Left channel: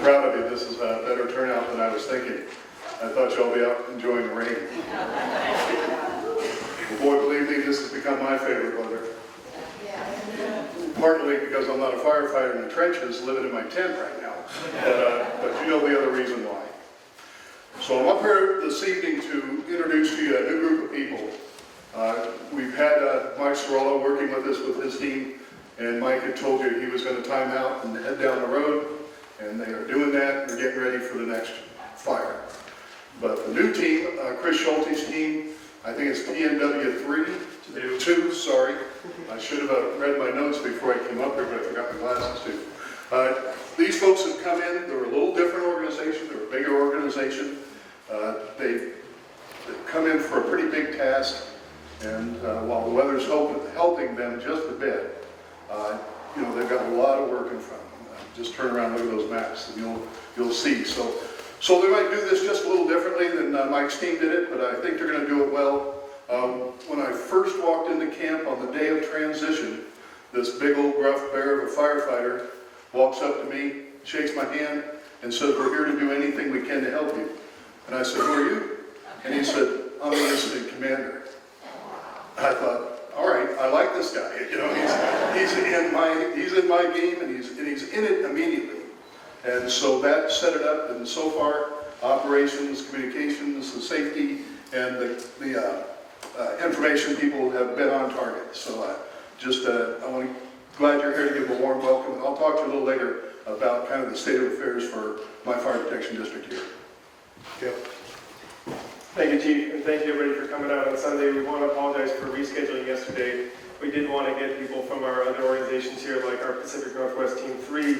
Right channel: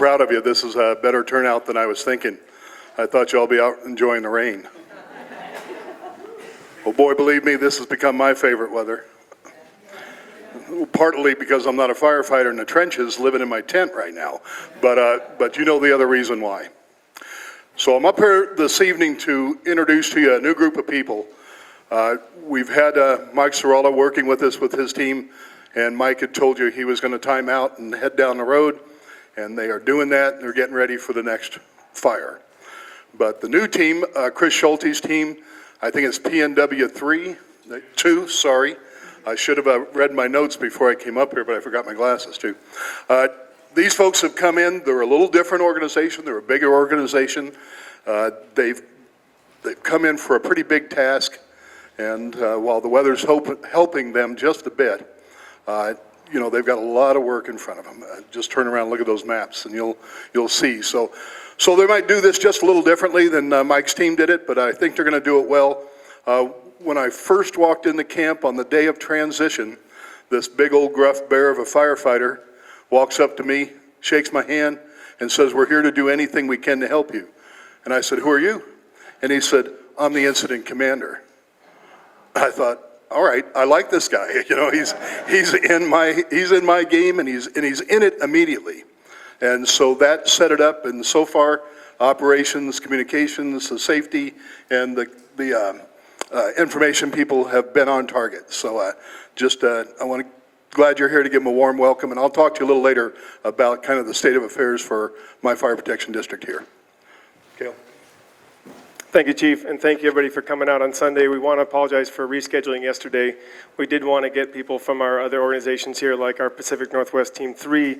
proud of you. This is a better turnout than I was thinking. I thought y'all be out enjoying the rain. Well, boy, believe me, this has become my favorite weather. Partly because I'm not a firefighter in the trenches living in my tent right now, but you know the other reason why. So I'm up here this evening to introduce to you a new group of people. We've had Mike Sorella working with us with his team, and Mike had told you he was going to time out and head down the road, and they are doing that. They're getting ready for the next fire. But the new team, Chris Schulte's team, I think it's PNW2, sorry. I should have read my notes before I came up here, but I forgot my glasses too. These folks have come in. They're a little different organization. They're a bigger organization. They've come in for a pretty big task, and while the weather's helping them just a bit, you know, they've got a lot of work in front of them. Just turn around and look at those maps, and you'll see. So they might do this just a little differently than Mike's team did it, but I think they're going to do it well. When I first walked into camp on the day of transition, this big old gruff bear of a firefighter walks up to me, shakes my hand, and says, "We're here to do anything we can to help you." And I said, "Who are you?" And he said, "I'm the incident commander." I thought, all right, I like this guy. You know, he's in my game, and he's in it immediately. And so that set it up, and so far, operations, communications, the safety, and the information people have been on target. So glad you're here to give them a warm welcome, and I'll talk to you a little later about kind of the state of affairs for my fire protection district here. Yeah. Thank you, Chief, and thank you everybody for coming out on Sunday. We want to apologize for rescheduling yesterday. We did want to get people from our other organizations here, like our Pacific Northwest Team 3,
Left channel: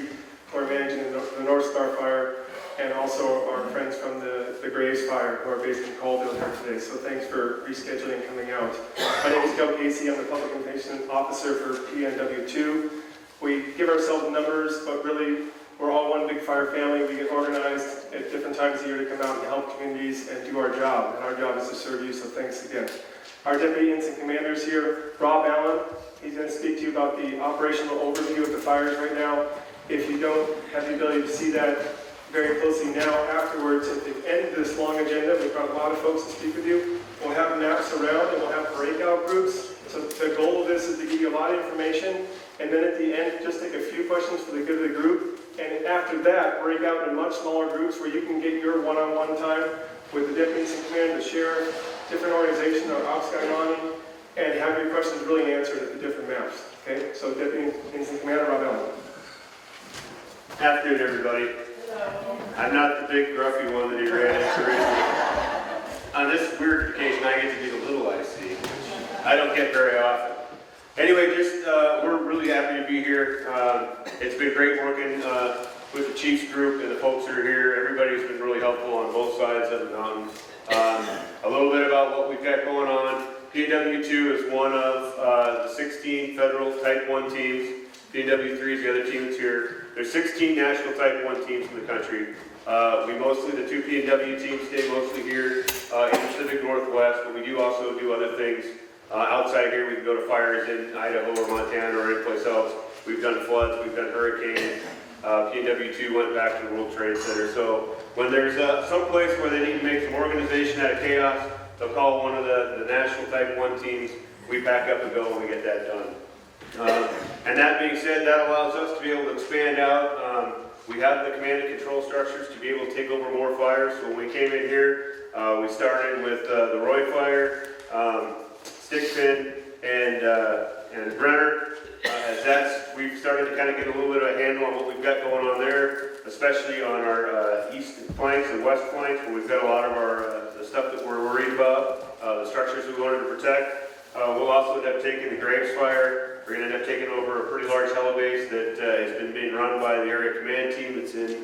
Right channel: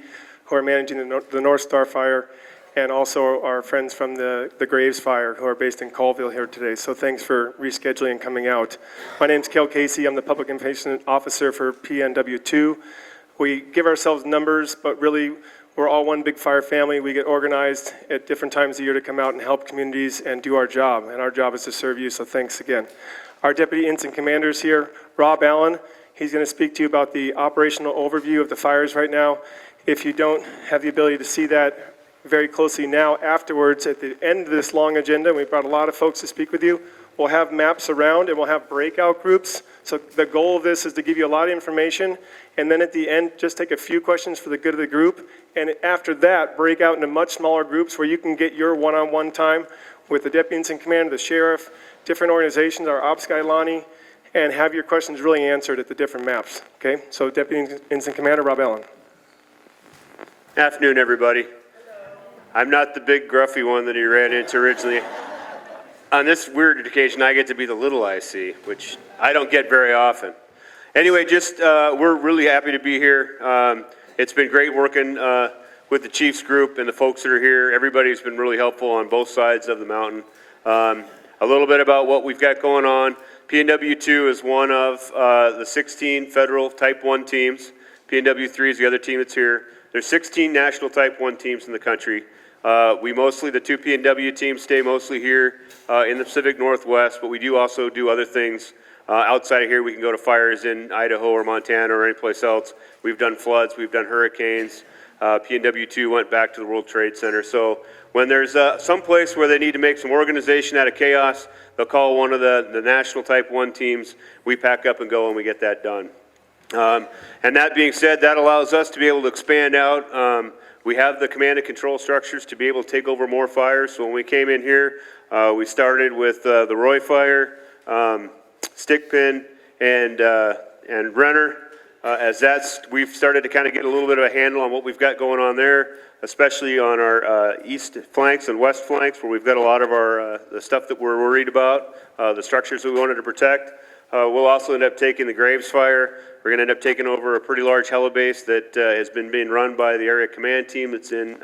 who are managing the North Star Fire, and also our friends from the Graves Fire, who are based in Colville here today. So thanks for rescheduling and coming out. My name is Kale Casey. I'm the Public Information Officer for PNW2. We give ourselves numbers, but really we're all one big fire family. We get organized at different times of year to come out and help communities and do our job. And our job is to serve you, so thanks again. Our Deputy Incident Commander is here, Rob Allen. He's going to speak to you about the operational overview of the fires right now. If you don't have the ability to see that very closely now, afterwards, at the end of this long agenda, we've brought a lot of folks to speak with you. We'll have maps around, and we'll have breakout groups. So the goal of this is to give you a lot of information, and then at the end, just take a few questions for the good of the group. And after that, break out into much smaller groups where you can get your one-on-one time with the Deputy Incident Commander, the Sheriff, different organizations, our Ops guy, Lonnie, and have your questions really answered at the different maps. Okay, so Deputy Incident Commander, Rob Allen. Afternoon, everybody. I'm not the big gruffy one that he ran into originally. On this weird occasion, I get to be the little IC, which I don't get very often. Anyway, we're really happy to be here. It's been great working with the Chiefs group and the folks that are here. Everybody's been really helpful on both sides of the mountain. A little bit about what we've got going on. PNW2 is one of the 16 federal Type 1 teams. PNW3 is the other team that's here. There's 16 national Type 1 teams in the country. The two PNW teams stay mostly here in the Pacific Northwest, but we do also do other things outside here. We can go to fires in Idaho or Montana or anyplace else. We've done floods, we've done hurricanes. PNW2 went back to the World Trade Center. So when there's some place where they need to make some organization out of chaos, they'll call one of the national Type 1 teams. We pack up and go and we get that done. And that being said, that allows us to be able to expand out. We have the command and control structures to be able to take over more fires. So when we came in here, we started with the Roy fire, Stickpin, and Renner. We've started to kind of get a little bit of a handle on what we've got going on there, especially on our east flanks and west flanks, where we've got a lot of the stuff that we're worried about, the structures that we wanted to protect. We'll also end up taking the Graves fire. We're going to end up taking over a pretty large helibase that has been being run by the area command team that's in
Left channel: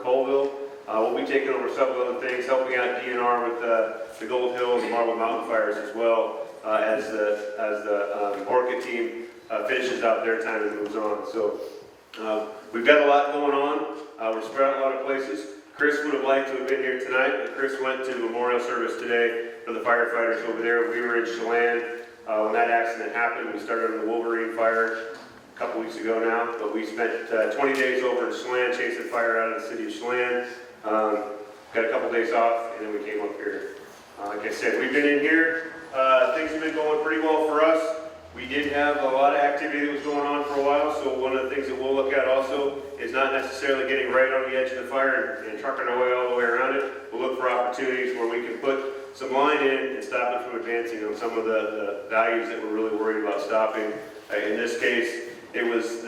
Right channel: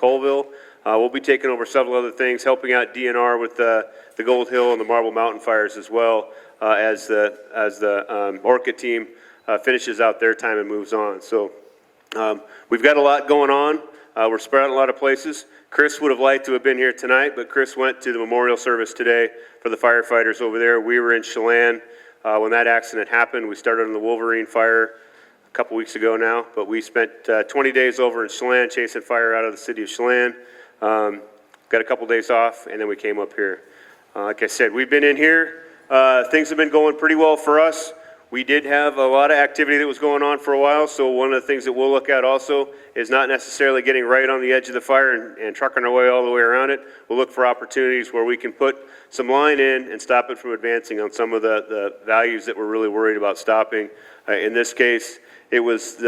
Colville. We'll be taking over several other things, helping out DNR with the Gold Hill and the Marble Mountain fires as well, as the Orca team finishes out their time and moves on. So we've got a lot going on. We're spread out a lot of places. Chris would have liked to have been here tonight, but Chris went to the memorial service today for the firefighters over there. We were in Chelan when that accident happened. We started on the Wolverine fire. couple weeks ago now, but we spent 20 days over in Chelan chasing fire out of the city of Chelan. Got a couple days off, and then we came up here. Like I said, we've been in here. Things have been going pretty well for us. We did have a lot of activity that was going on for a while, so one of the things that we'll look at also is not necessarily getting right on the edge of the fire and trucking our way all the way around it. We'll look for opportunities where we can put some line in and stop it from advancing on some of the values that we're really worried about stopping. In this case, it was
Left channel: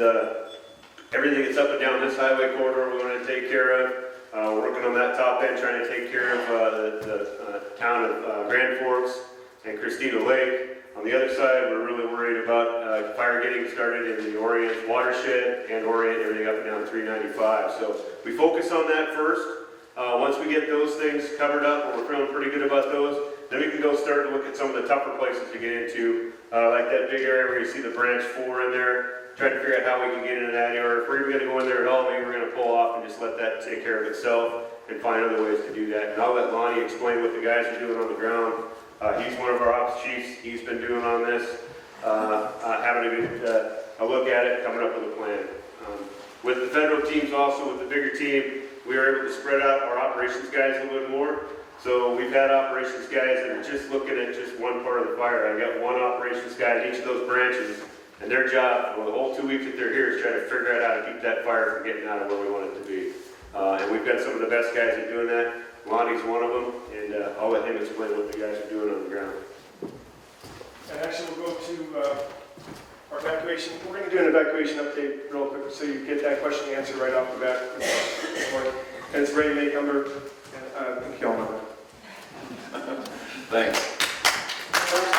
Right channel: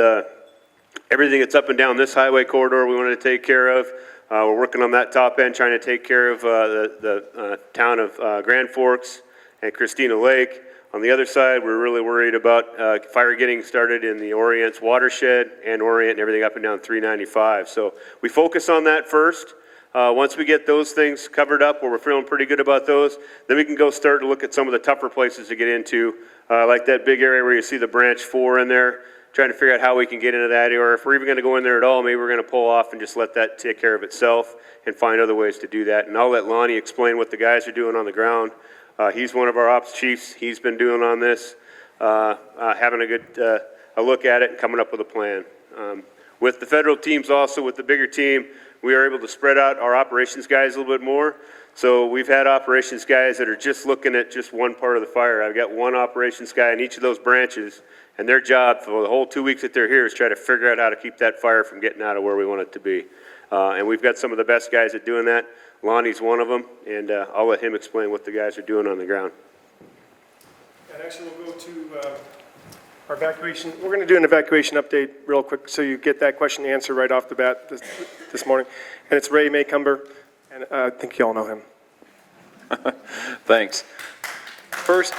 everything that's up and down this highway corridor we wanted to take care of. We're working on that top end, trying to take care of the town of Grand Forks and Christina Lake. On the other side, we're really worried about fire getting started in the Orient's watershed and Orient, everything up and down 395. So we focus on that first. Once we get those things covered up, where we're feeling pretty good about those, then we can go start to look at some of the tougher places to get into, like that big area where you see the branch 4 in there, trying to figure out how we can get into that area, or if we're even going to go in there at all, maybe we're going to pull off and just let that take care of itself and find other ways to do that. And I'll let Lonnie explain what the guys are doing on the ground. He's one of our ops chiefs. He's been doing on this, having a good a look at it and coming up with a plan. With the federal teams also, with the bigger team, we are able to spread out our operations guys a little bit more. So we've had operations guys that are just looking at just one part of the fire. I've got one operations guy in each of those branches, and their job for the whole 2 weeks that they're here is try to figure out how to keep that fire from getting out of where we want it to be. And we've got some of the best guys at doing that. Lonnie's one of them, and I'll let him explain what the guys are doing on the ground. And actually, we'll go to our evacuation. We're going to do an evacuation update real quick so you get that question answered right off the bat this morning. And it's Ray Maycumber, and I think you all know him. Thanks. First,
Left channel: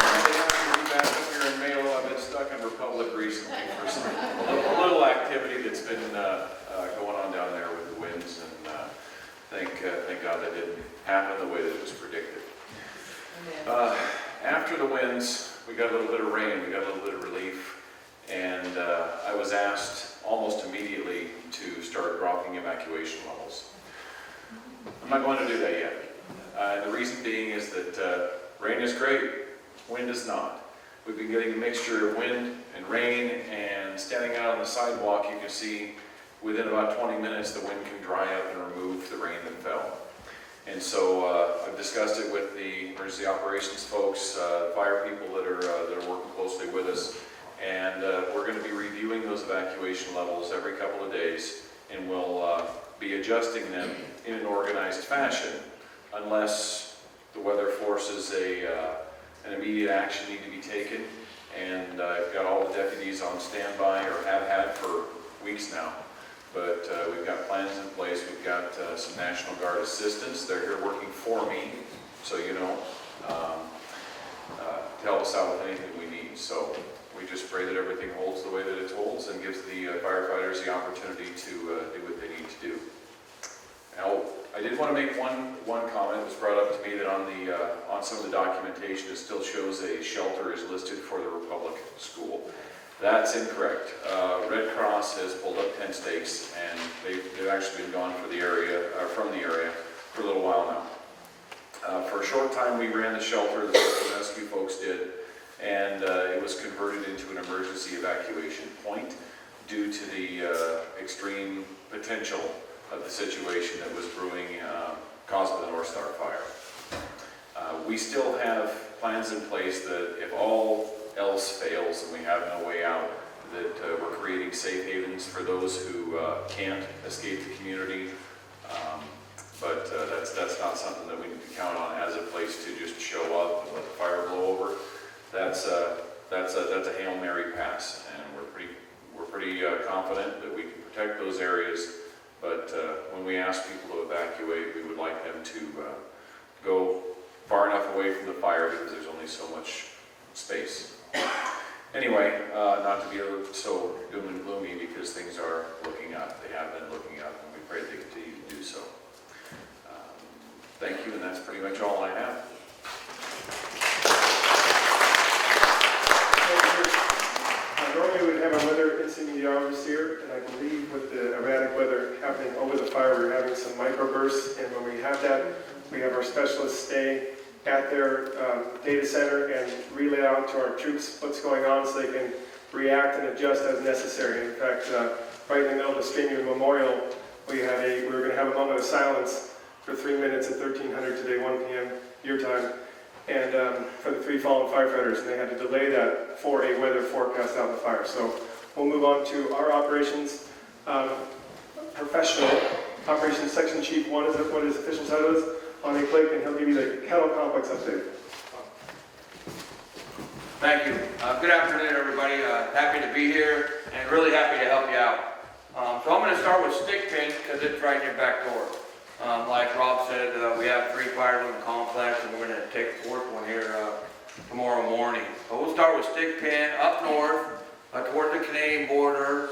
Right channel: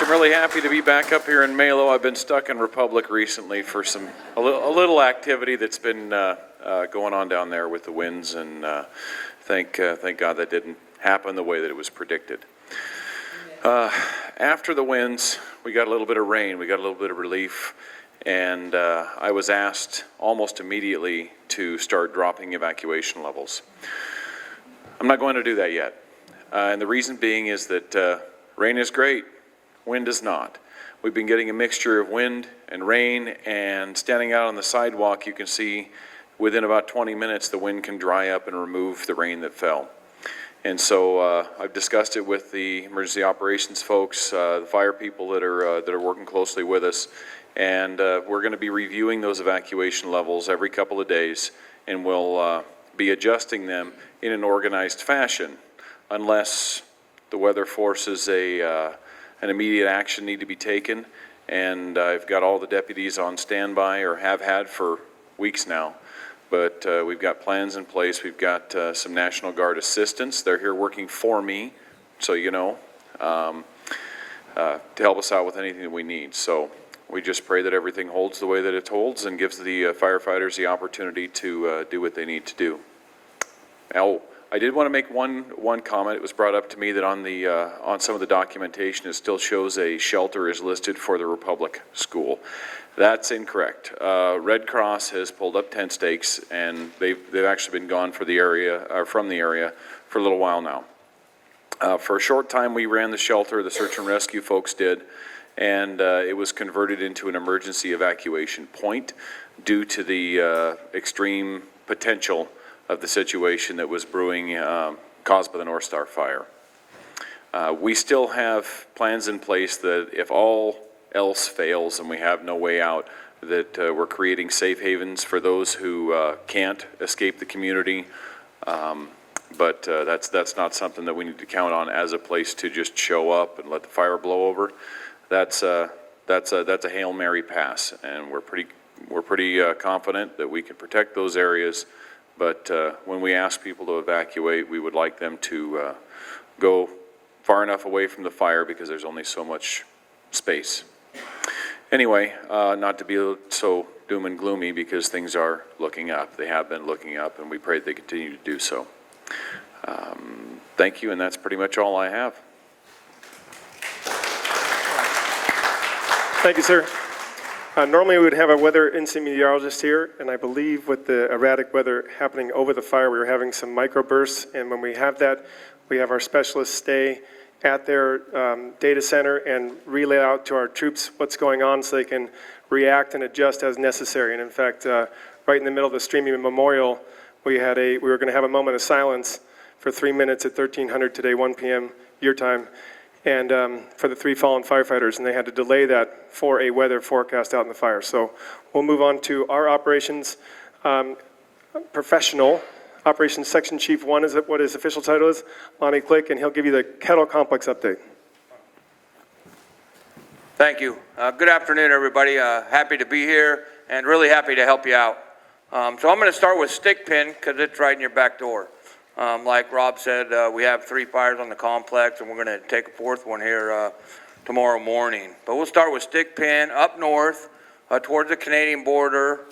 I'm really happy to be back up here in Malo. I've been stuck in Republic recently for a little activity that's been going on down there with the winds, and thank God that didn't happen the way that it was predicted. After the winds, we got a little bit of rain, we got a little bit of relief, and I was asked almost immediately to start dropping evacuation levels. I'm not going to do that yet, and the reason being is that rain is great, wind is not. We've been getting a mixture of wind and rain, and standing out on the sidewalk, you can see within about 20 minutes the wind can dry up and remove the rain that fell. And so I've discussed it with the emergency operations folks, the fire people that are working closely with us, and we're going to be reviewing those evacuation levels every couple of days, and we'll be adjusting them in an organized fashion unless the weather forces an immediate action need to be taken. And I've got all the deputies on standby, or have had for weeks now. But we've got plans in place. We've got some National Guard assistants. They're here working for me, so you know, to help us out with anything that we need. So we just pray that everything holds the way that it holds and gives the firefighters the opportunity to do what they need to do. Now, I did want to make one comment. It was brought up to me that on some of the documentation, it still shows a shelter is listed for the Republic School. That's incorrect. Red Cross has pulled up tent stakes, and they've actually been gone from the area for a little while now. For a short time, we ran the shelter. The search and rescue folks did, and it was converted into an emergency evacuation point due to the extreme potential of the situation that was brewing caused by the North Star fire. We still have plans in place that if all else fails and we have no way out, that we're creating safe havens for those who can't escape the community. But that's not something that we need to count on as a place to just show up and let the fire blow over. That's a Hail Mary pass, and we're pretty confident that we can protect those areas. But when we ask people to evacuate, we would like them to go far enough away from the fire because there's only so much space. Anyway, not to be so doom and gloomy, because things are looking up. They have been looking up, and we pray they continue to do so. Thank you, and that's pretty much all I have. Thank you, sir. Normally we would have a weather incident meteorologist here, and I believe with the erratic weather happening over the fire, we were having some microbursts, and when we have that, we have our specialists stay at their data center and relay out to our troops what's going on so they can react and adjust as necessary. And in fact, right in the middle of the streaming memorial, we were going to have a moment of silence for 3 minutes at 1300 today, 1 p.m. your time, and for the 3 fallen firefighters, and they had to delay that for a weather forecast out in the fire. So we'll move on to our operations professional. Operations Section Chief 1 is what his official title is, Lonnie Click, and he'll give you the Kettle Complex update. Thank you. Good afternoon, everybody. Happy to be here and really happy to help you out. So I'm going to start with Stickpin because it's right in your back door. Like Rob said, we have 3 fires on the complex, and we're going to take a 4th one here tomorrow morning. But we'll start with Stickpin up north towards the Canadian border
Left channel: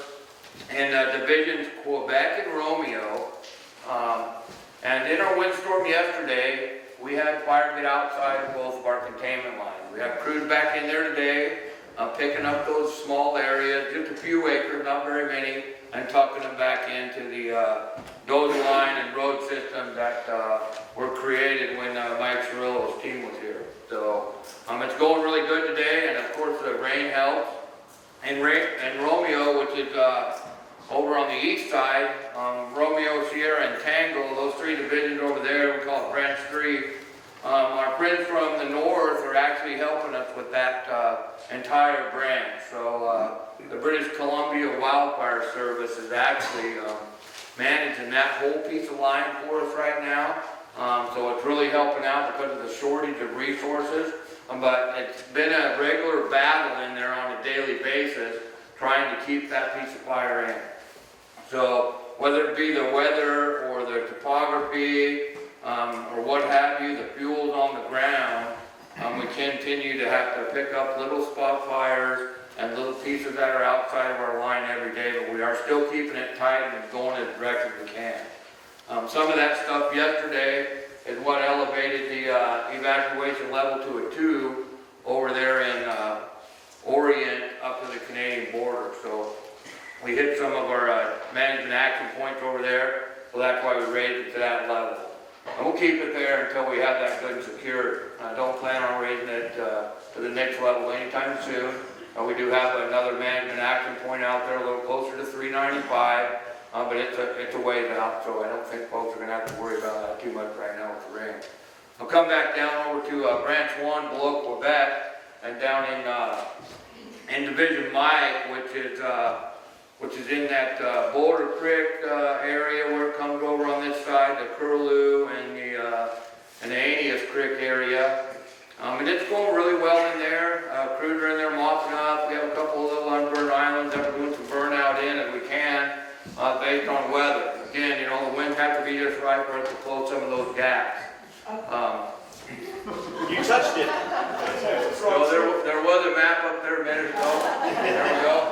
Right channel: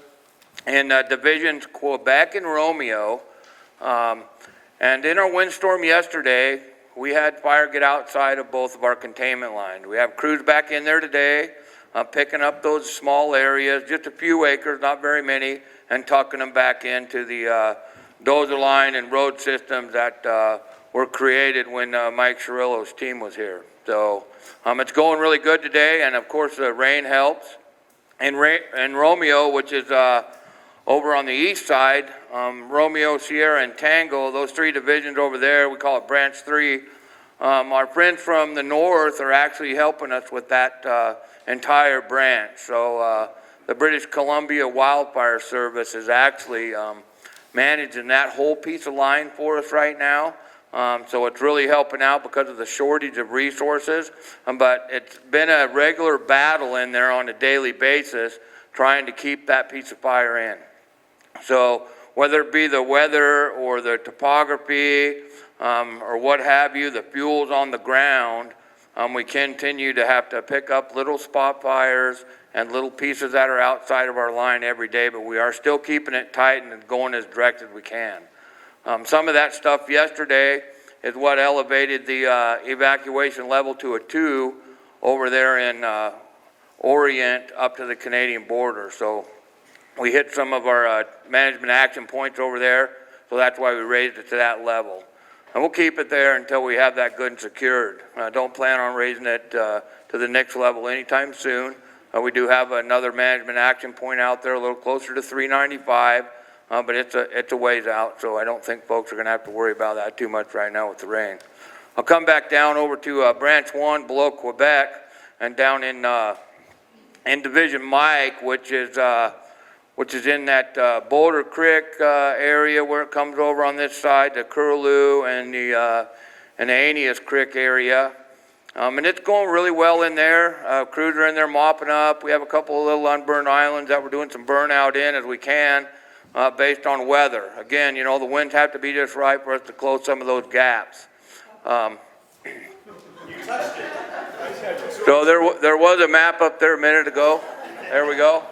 in divisions Quebec and Romeo. And in our windstorm yesterday, we had fire get outside of both of our containment lines. We have crews back in there today, picking up those small areas, just a few acres, not very many, and tucking them back into the dozer line and road systems that were created when Mike Cirillo's team was here. So it's going really good today, and of course the rain helps. And Romeo, which is over on the east side, Romeo, Sierra, and Tango, those 3 divisions over there, we call it Branch 3. Our friends from the north are actually helping us with that entire branch. So the British Columbia Wildfire Service is actually managing that whole piece of line for us right now. So it's really helping out because of the shortage of resources. But it's been a regular battle in there on a daily basis trying to keep that piece of fire in. So whether it be the weather or the topography or what have you, the fuel's on the ground, we continue to have to pick up little spot fires and little pieces that are outside of our line every day, but we are still keeping it tight and going as direct as we can. Some of that stuff yesterday is what elevated the evacuation level to a 2 over there in Orient up to the Canadian border. So we hit some of our management action points over there, so that's why we raised it to that level. And we'll keep it there until we have that good and secured. Don't plan on raising it to the next level anytime soon. We do have another management action point out there a little closer to 395, but it's a ways out, so I don't think folks are going to have to worry about that too much right now with the rain. I'll come back down over to Branch 1 below Quebec and down in Division Mike, which is in that Boulder Creek area where it comes over on this side, the Curlew and the Aeneas Creek area. And it's going really well in there. Crews are in there mopping up. We have a couple of little unburned islands that we're doing some burnout in as we can based on weather. Again, you know, the winds have to be just right for us to close some of those gaps. You touched it. So there was a map up there a minute ago. There we go.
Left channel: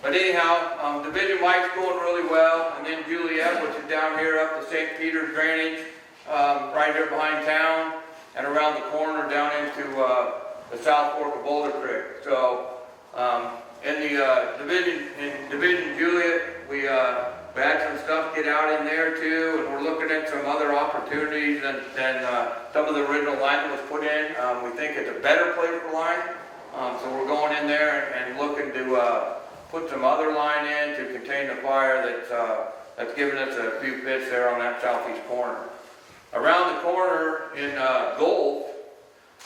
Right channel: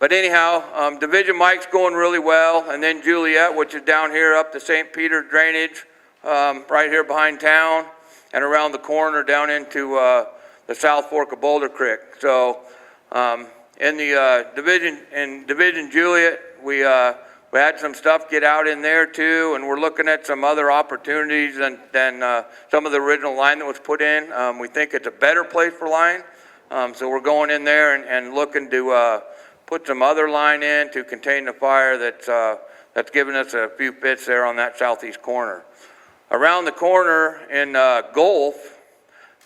But anyhow, Division Mike's going really well, and then Juliet, which is down here up the St. Peter drainage, right here behind town, and around the corner down into the South Fork of Boulder Creek. So in the Division Juliet, we had some stuff get out in there too, and we're looking at some other opportunities than some of the original line that was put in. We think it's a better place for line. So we're going in there and looking to put some other line in to contain the fire that's given us a few fits there on that southeast corner. Around the corner in Gulf,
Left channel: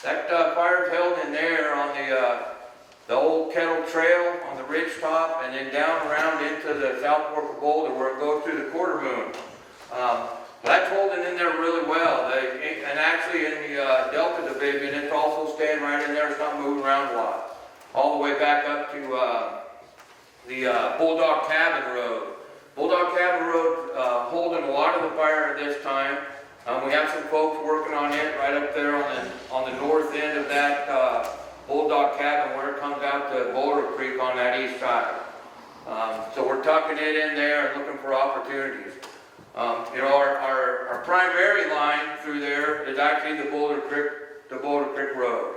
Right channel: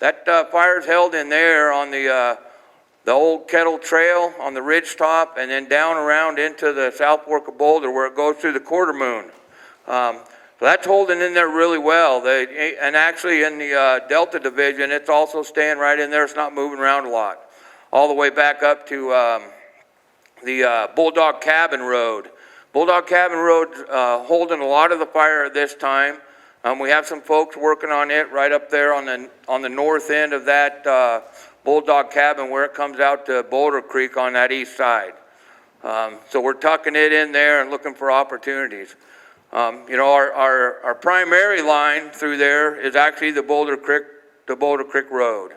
that fire's held in there on the old Kettle Trail on the ridge top, and then down around into the South Fork of Boulder where it goes through the Quarter Moon. So that's holding in there really well. And actually in the Delta Division, it's also staying right in there. It's not moving around a lot. All the way back up to the Bulldog Cabin Road. Bulldog Cabin Road holding a lot of the fire at this time. We have some folks working on it right up there on the north end of that Bulldog Cabin where it comes out to Boulder Creek on that east side. So we're tucking it in there and looking for opportunities. You know, our primary line through there is actually the Boulder Creek Road.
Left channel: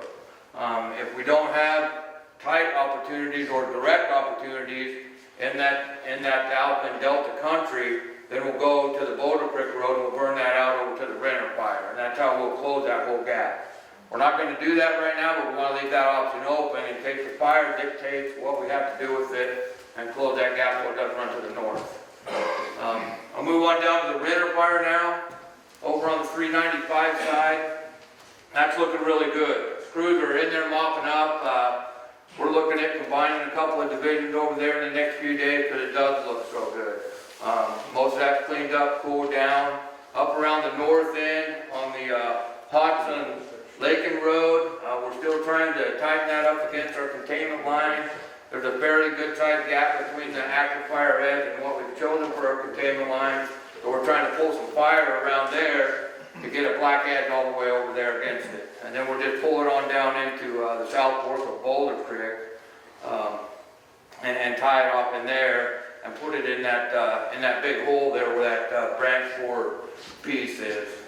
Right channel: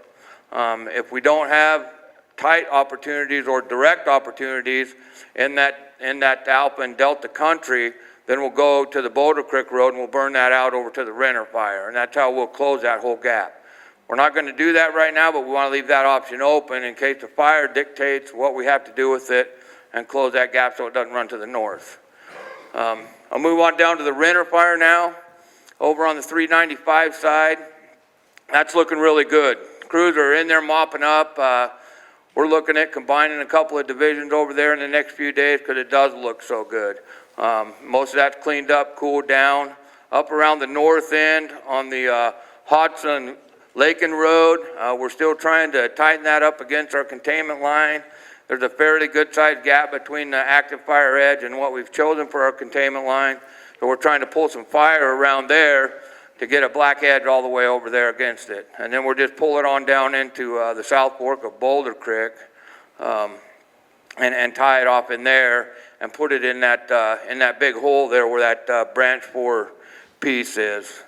If we don't have tight opportunities or direct opportunities in that Alpha and Delta country, then we'll go to the Boulder Creek Road and we'll burn that out over to the Renner fire, and that's how we'll close that whole gap. We're not going to do that right now, but we want to leave that option open in case the fire dictates what we have to do with it and close that gap so it doesn't run to the north. I'll move on down to the Renner fire now, over on the 395 side. That's looking really good. Crews are in there mopping up. We're looking at combining a couple of divisions over there in the next few days because it does look so good. Most of that's cleaned up, cooled down. Up around the north end on the Hodson Lakin Road, we're still trying to tighten that up against our containment line. There's a fairly good sized gap between the active fire edge and what we've chosen for our containment line. So we're trying to pull some fire around there to get a black edge all the way over there against it. And then we'll just pull it on down into the south fork of Boulder Creek and tie it off in there and put it in that big hole there where that branch 4 piece is.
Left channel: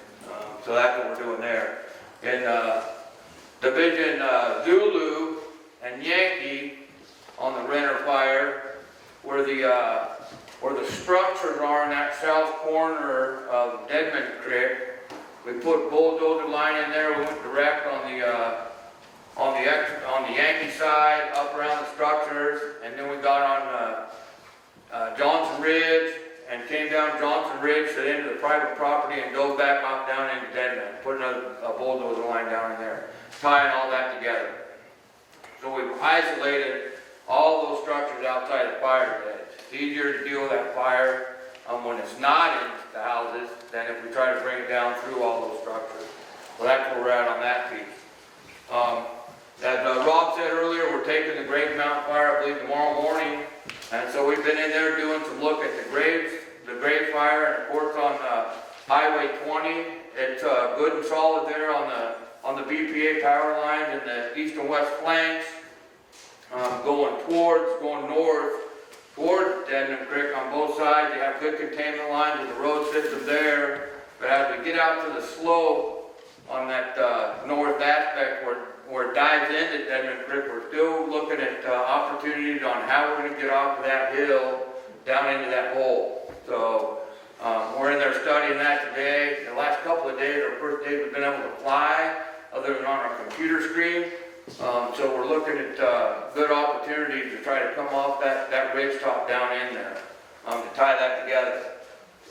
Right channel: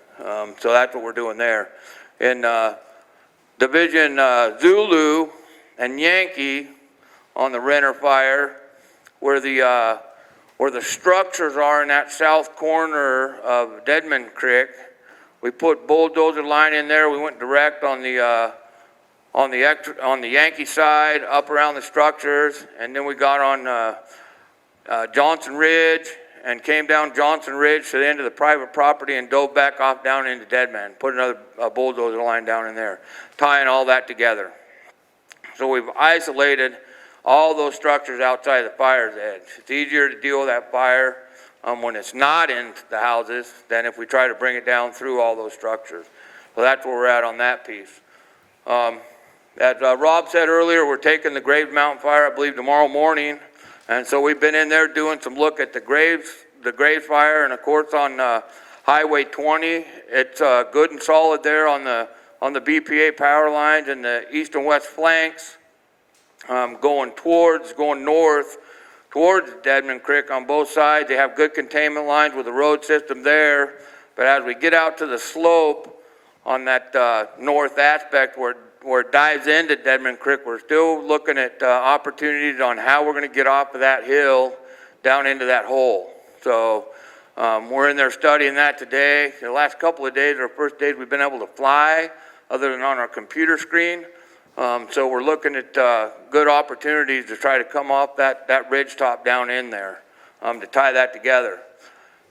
So that's what we're doing there. In Division Zulu and Yankee on the Renner fire, where the structures are in that south corner of Deadman Creek, we put bulldozer line in there. We went direct on the Yankee side, up around the structures, and then we got on Johnson Ridge and came down Johnson Ridge to the end of the private property and dove back off down into Deadman. Put another bulldozer line down in there, tying all that together. So we've isolated all those structures outside the fire's edge. It's easier to deal with that fire when it's not in the houses than if we try to bring it down through all those structures. So that's where we're at on that piece. As Rob said earlier, we're taking the Graves Mountain fire, I believe, tomorrow morning. And so we've been in there doing some look at the Graves fire, and of course on Highway 20, it's good and solid there on the BPA power lines and the east and west flanks, going north towards Deadman Creek on both sides. They have good containment lines with the road system there, but as we get out to the slope on that north aspect where it dives into Deadman Creek, we're still looking at opportunities on how we're going to get off of that hill down into that hole. So we're in there studying that today. The last couple of days are the first days we've been able to fly other than on our computer screen. So we're looking at good opportunities to try to come off that ridge top down in there to tie that together.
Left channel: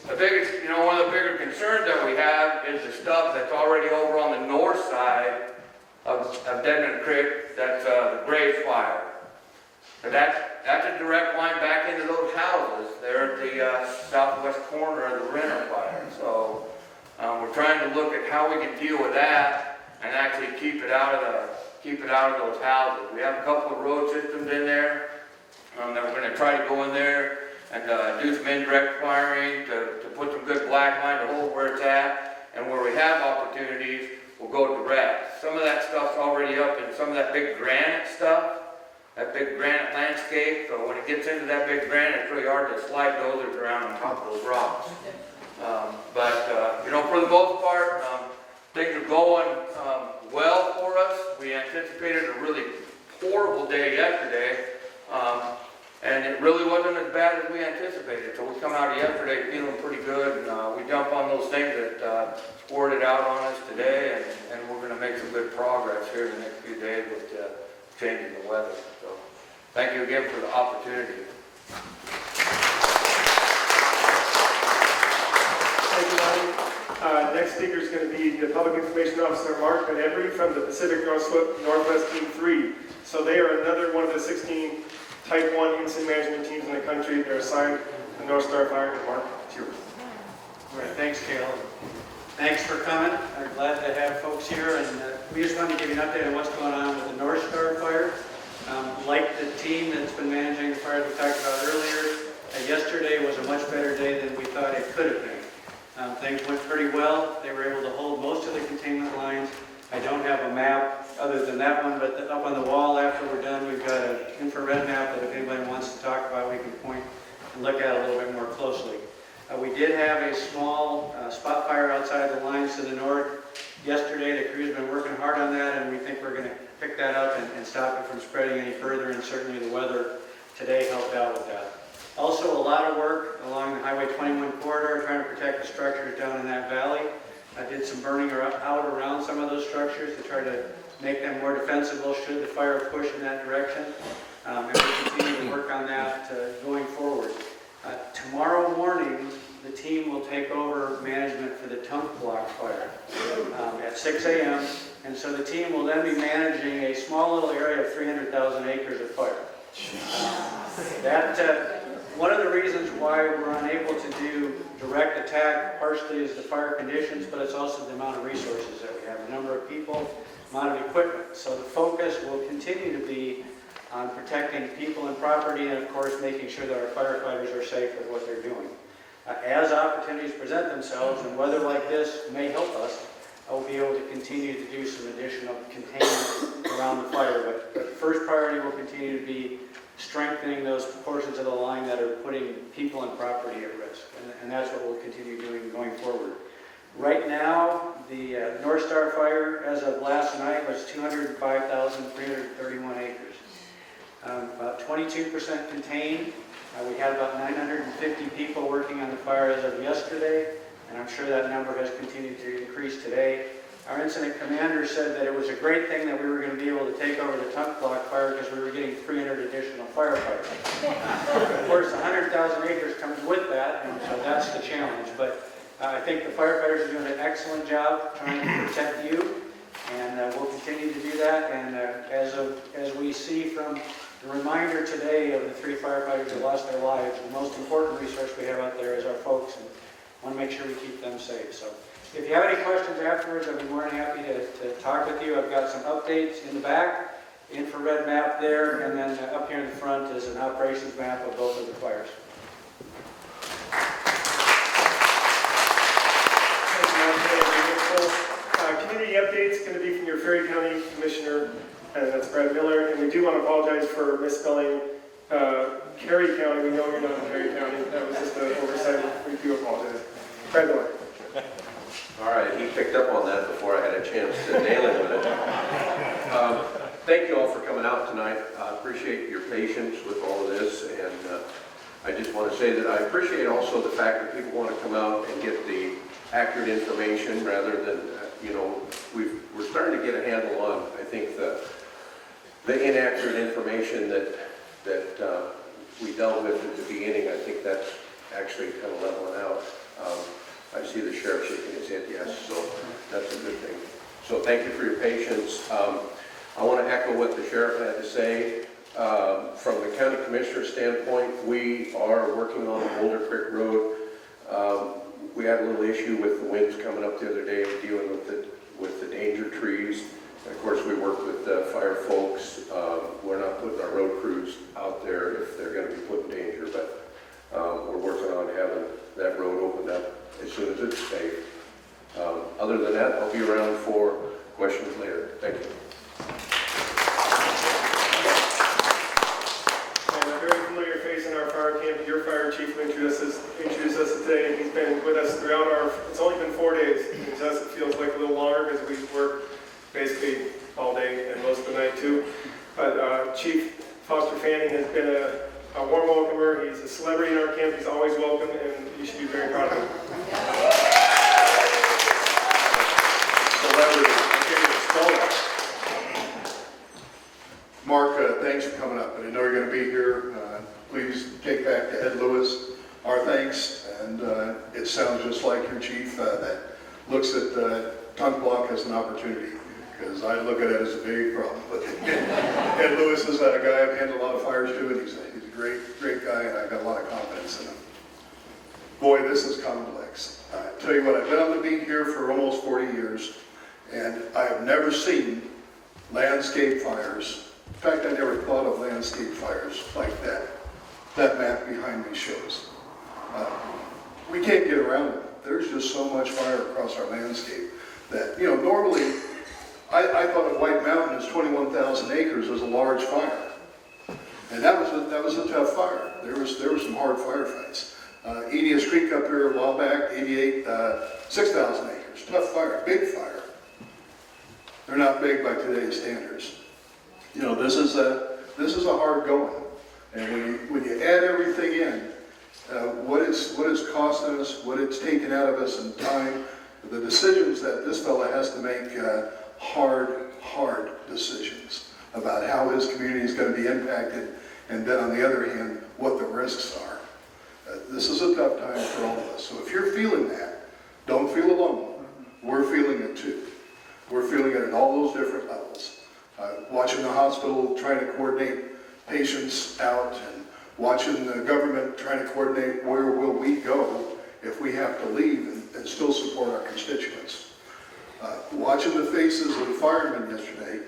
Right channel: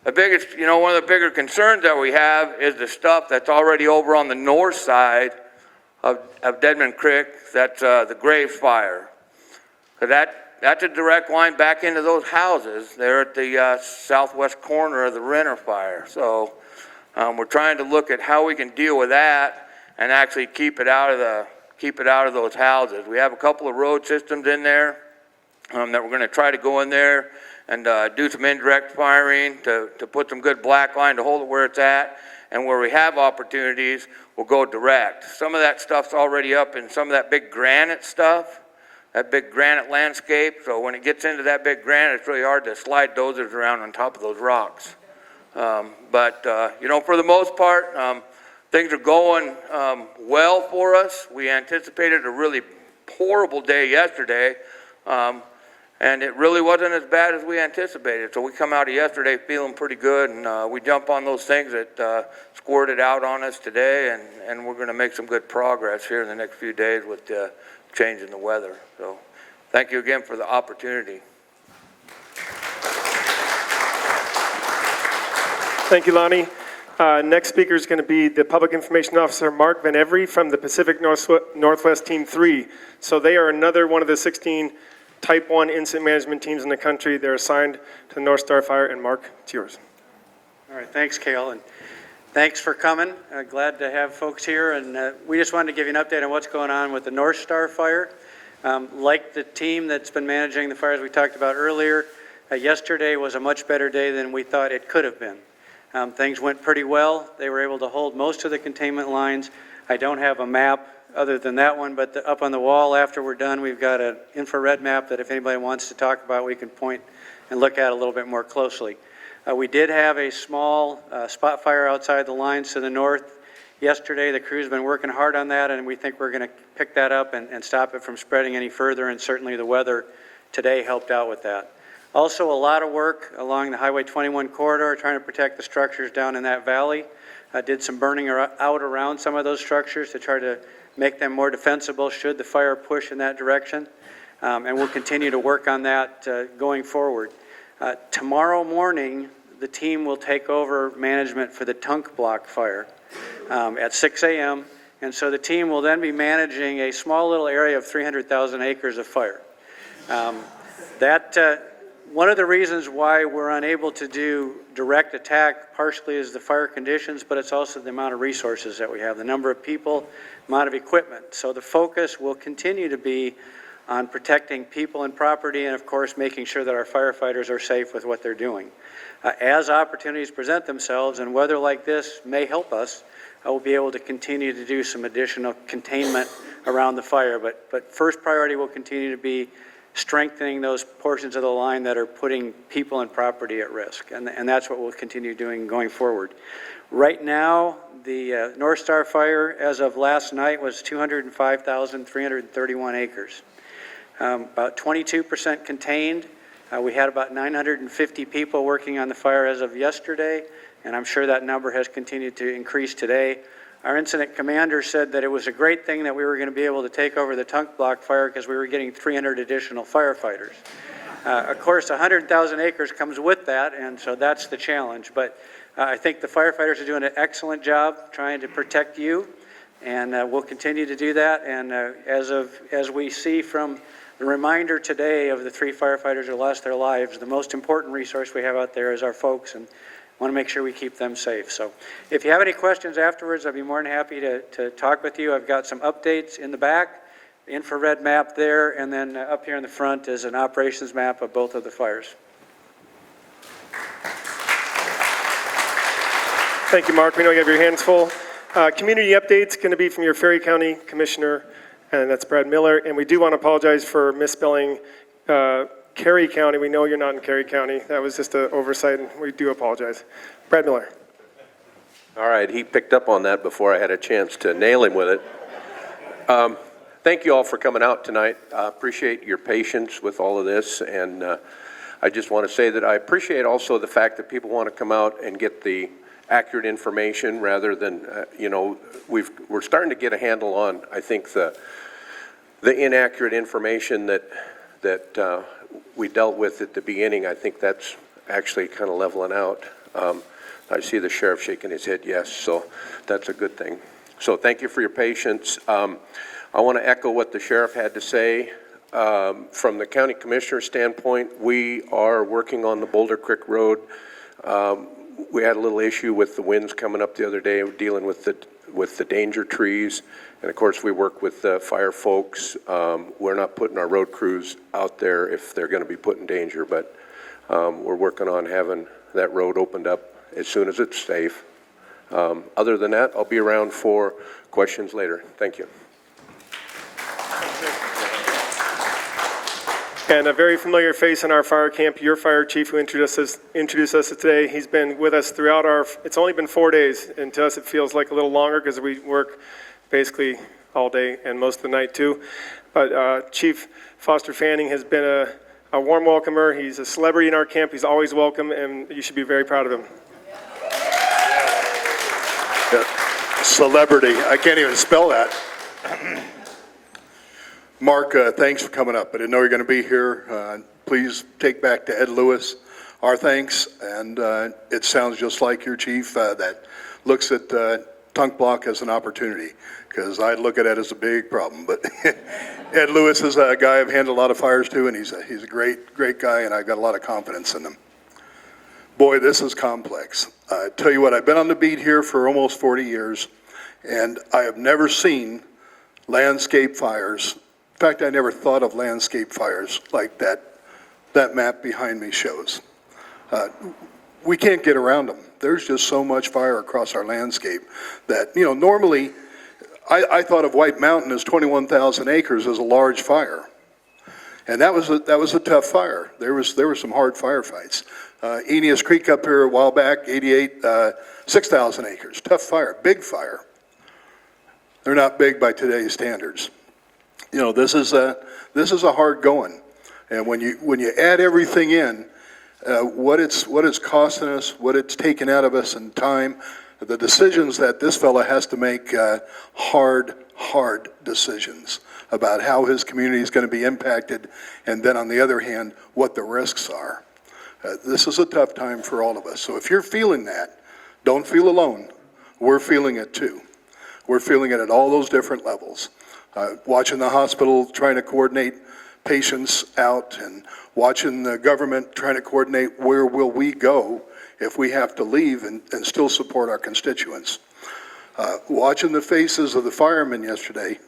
The biggest, one of the bigger concerns that we have is the stuff that's already over on the north side of Deadman Creek. That's the Graves fire. So that's a direct line back into those houses there at the southwest corner of the Renner fire. So we're trying to look at how we can deal with that and actually keep it out of those houses. We have a couple of road systems in there that we're going to try to go in there and do some indirect firing to put some good black line to hold it where it's at, and where we have opportunities, we'll go direct. Some of that stuff's already up in some of that big granite stuff, that big granite landscape, so when it gets into that big granite, it's really hard to slide dozers around on top of those rocks. But for the most part, things are going well for us. We anticipated a really horrible day yesterday, and it really wasn't as bad as we anticipated. So we come out of yesterday feeling pretty good, and we jump on those things that squirted out on us today, and we're going to make some good progress here in the next few days with changing the weather. So thank you again for the opportunity. Thank you, Lonnie. Next speaker is going to be the Public Information Officer, MarkVanEvery, from the Pacific Northwest Team 3. So they are another one of the 16 Type 1 incident management teams in the country. They're assigned to the North Star Fire, and Mark, it's yours. All right, thanks, Kale, and thanks for coming. Glad to have folks here, and we just wanted to give you an update on what's going on with the North Star Fire. Like the team that's been managing the fires we talked about earlier, yesterday was a much better day than we thought it could have been. Things went pretty well. They were able to hold most of the containment lines. I don't have a map other than that one, but up on the wall after we're done, we've got an infrared map that if anybody wants to talk about, we can point and look at a little bit more closely. We did have a small spot fire outside the lines to the north yesterday. The crew's been working hard on that, and we think we're going to pick that up and stop it from spreading any further, and certainly the weather today helped out with that. Also, a lot of work along the Highway 21 corridor, trying to protect the structures down in that valley. Did some burning out around some of those structures to try to make them more defensible should the fire push in that direction. And we'll continue to work on that going forward. Tomorrow morning, the team will take over management for the Tunk Block fire at 6 a.m. And so the team will then be managing a small little area of 300,000 acres of fire. One of the reasons why we're unable to do direct attack partially is the fire conditions, but it's also the amount of resources that we have, the number of people, amount of equipment. So the focus will continue to be on protecting people and property, and of course making sure that our firefighters are safe with what they're doing. As opportunities present themselves, and weather like this may help us, we'll be able to continue to do some additional containment around the fire. But first priority will continue to be strengthening those portions of the line that are putting people and property at risk. And that's what we'll continue doing going forward. Right now, the North Star fire, as of last night, was 205,331 acres. About 22% contained. We had about 950 people working on the fire as of yesterday, and I'm sure that number has continued to increase today. Our incident commander said that it was a great thing that we were going to be able to take over the Tunk Block fire because we were getting 300 additional firefighters. Of course, 100,000 acres comes with that, and so that's the challenge. But I think the firefighters are doing an excellent job trying to protect you, and we'll continue to do that. And as we see from the reminder today of the 3 firefighters who lost their lives, the most important resource we have out there is our folks, and want to make sure we keep them safe. So if you have any questions afterwards, I'd be more than happy to talk with you. I've got some updates in the back, infrared map there, and then up here in the front is an operations map of both of the fires. Thank you, Mark. We know you have your hands full. Community update's going to be from your Ferry County Commissioner, and that's Brad Miller. And we do want to apologize for misspelling Carey County. We know you're not in Carey County. That was just an oversight. We do apologize. Brad Miller. All right, he picked up on that before I had a chance to nail him with it. Thank you all for coming out tonight. I appreciate your patience with all of this, and I just want to say that I appreciate also the fact that people want to come out and get the accurate information rather than, we're starting to get a handle on, I think, the inaccurate information that we dealt with at the beginning. I think that's actually kind of leveling out. I see the sheriff shaking his head yes, so that's a good thing. So thank you for your patience. I want to echo what the sheriff had to say. From the county commissioner standpoint, we are working on the Boulder Creek Road. We had a little issue with the winds coming up the other day, dealing with the danger trees. And of course, we work with the fire folks. We're not putting our road crews out there if they're going to be put in danger, but we're working on having that road opened up as soon as it's safe. Other than that, I'll be around for questions later. Thank you. And a very familiar face in our fire camp, your fire chief who introduced us today. He's been with us throughout it's only been 4 days, and to us it feels like a little longer because we work basically all day and most of the night too. But Chief Foster Fanning has been a warm welcomer. He's a celebrity in our camp. He's always welcome, and you should be very proud of him. Celebrity, I can't even spell that. Mark, thanks for coming up. I didn't know you were going to be here. Please take back to Ed Lewis our thanks, and it sounds just like your chief that looks at Tunk Block as an opportunity, because I look at it as a big problem. But Ed Lewis is a guy I've handled a lot of fires to, and he's a great guy, and I've got a lot of confidence in him. Boy, this is complex. I tell you what, I've been on the beat here for almost 40 years, and I have never seen landscape fires. In fact, I never thought of landscape fires like that map behind me shows. We can't get around them. There's just so much fire across our landscape that, normally I thought of White Mountain as 21,000 acres as a large fire. And that was a tough fire. There were some hard firefights. Edius Creek up here a while back, 88, 6,000 acres. Tough fire, big fire. They're not big by today's standards. This is a hard going. And when you add everything in, what it's costing us, what it's taken out of us in time, the decisions that this fella has to make, hard decisions about how his community is going to be impacted, and then on the other hand, what the risks are. This is a tough time for all of us. So if you're feeling that, don't feel alone. We're feeling it too. We're feeling it at all those different levels. Watching the hospital trying to coordinate patients out, and watching the government trying to coordinate where will we go if we have to leave and still support our constituents. Watching the faces of the firemen yesterday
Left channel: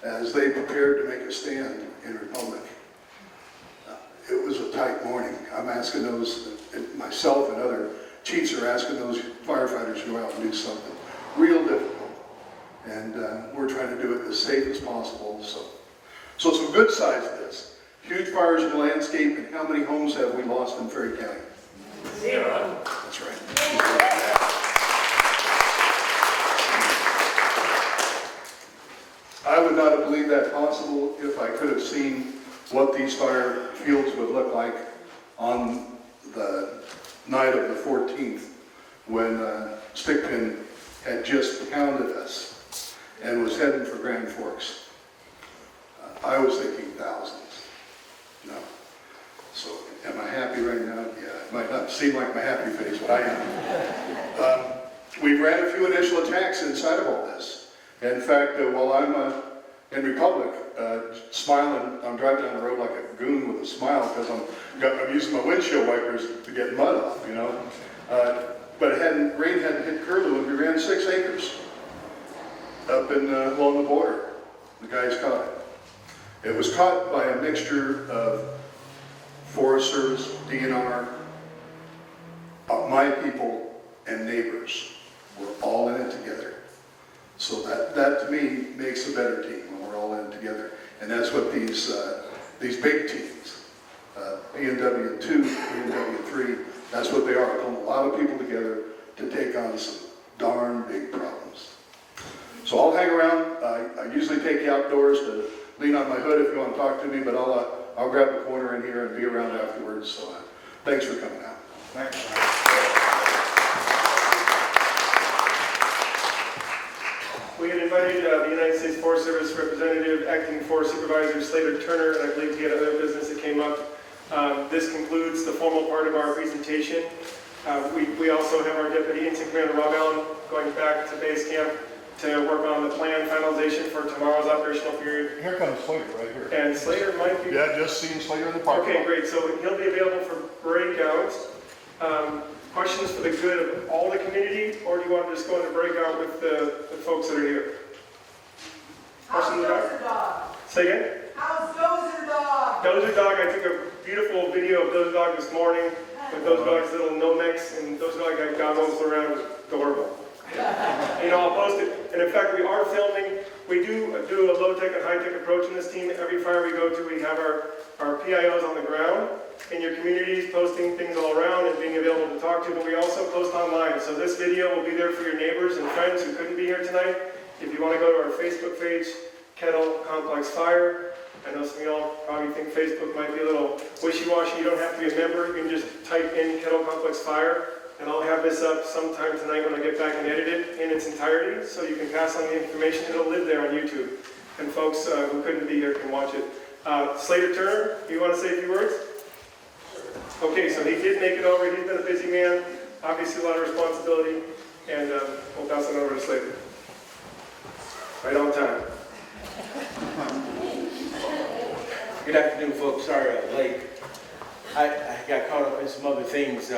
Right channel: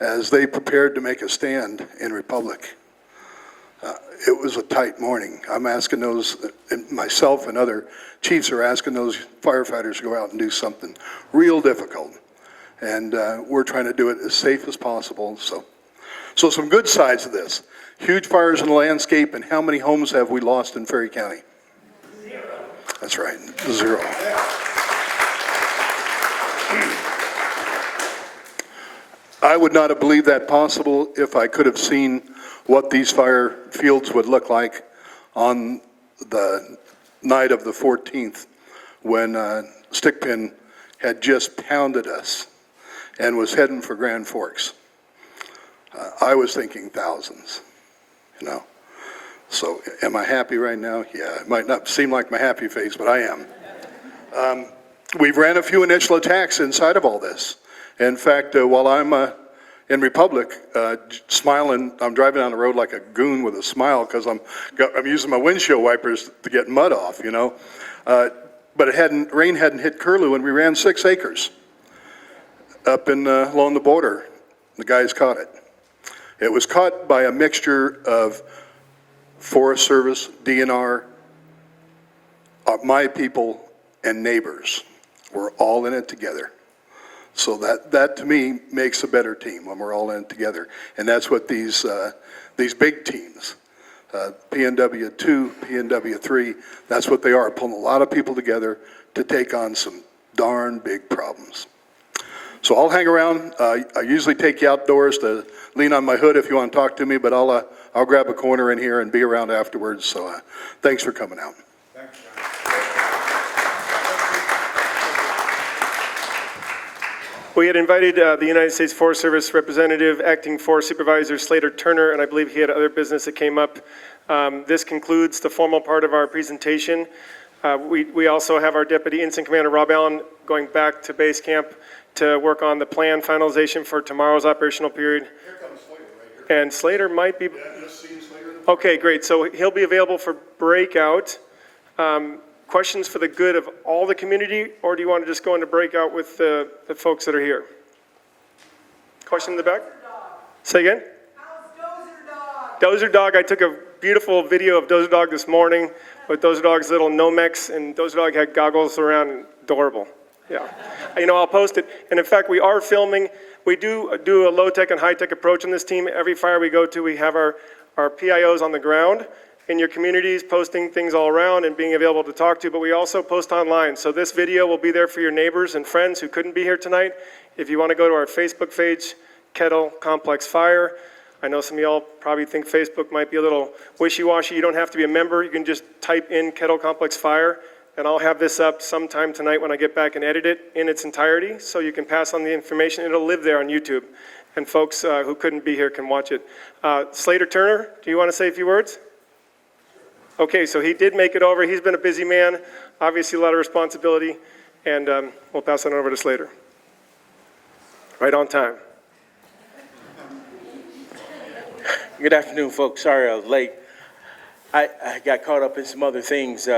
as they prepared to make a stand in Republic. It was a tight morning. I'm asking those, myself and other chiefs are asking those firefighters to go out and do something real difficult. And we're trying to do it as safe as possible. So some good sides of this. Huge fires in the landscape, and how many homes have we lost in Ferry County? 0. That's right, 0. I would not have believed that possible if I could have seen what these fire fields would look like on the night of the 14th when Stickpin had just pounded us and was heading for Grand Forks. I was thinking thousands, you know. So am I happy right now? Yeah, it might not seem like my happy face, but I am. We've ran a few initial attacks inside of all this. In fact, while I'm in Republic, smiling, I'm driving down the road like a goon with a smile because I'm using my windshield wipers to get mud off, you know. But rain hadn't hit Curlew, and we ran 6 acres up along the border. The guys caught it. It was caught by a mixture of Forest Service, DNR, my people, and neighbors. We're all in it together. So that to me makes a better team when we're all in it together. And that's what these big teams, PNW2, PNW3, that's what they are, pulling a lot of people together to take on some darn big problems. So I'll hang around. I usually take you outdoors to lean on my hood if you want to talk to me, but I'll grab a corner in here and be around afterwards. So thanks for coming out. Thanks. We had invited the United States Forest Service representative, Acting Forest Supervisor Staler Turner, and I believe he had other business that came up. This concludes the formal part of our presentation. We also have our Deputy Ensign Commander Rob Allen going back to base camp to work on the plan finalization for tomorrow's operational period. Here comes Slater right here. And Slater might be... Yeah, just seen Slater in the park. Okay, great. So he'll be available for breakout. Questions for the good of all the community, or do you want to just go into breakout with the folks that are here? Question in the back? Say again? How's Dozer Dog? Dozer Dog, I took a beautiful video of Dozer Dog this morning with Dozer Dog's little Nomex, and Dozer Dog had goggles around, adorable. Yeah. You know, I'll post it. And in fact, we are filming. We do a low-tech and high-tech approach on this team. Every fire we go to, we have our PIOs on the ground in your communities, posting things all around and being available to talk to, but we also post online. So this video will be there for your neighbors and friends who couldn't be here tonight. If you want to go to our Facebook page, Kettle Complex Fire. I know some of y'all probably think Facebook might be a little wishy-washy. You don't have to be a member. You can just type in Kettle Complex Fire, and I'll have this up sometime tonight when I get back and edit it in its entirety, so you can pass on the information. It'll live there on YouTube, and folks who couldn't be here can watch it. Slater Turner, do you want to say a few words? Okay, so he did make it over. He's been a busy man, obviously a lot of responsibility, and we'll pass it over to Slater. Right on time. Good afternoon, folks. Sorry I was late. I got caught up in some other things,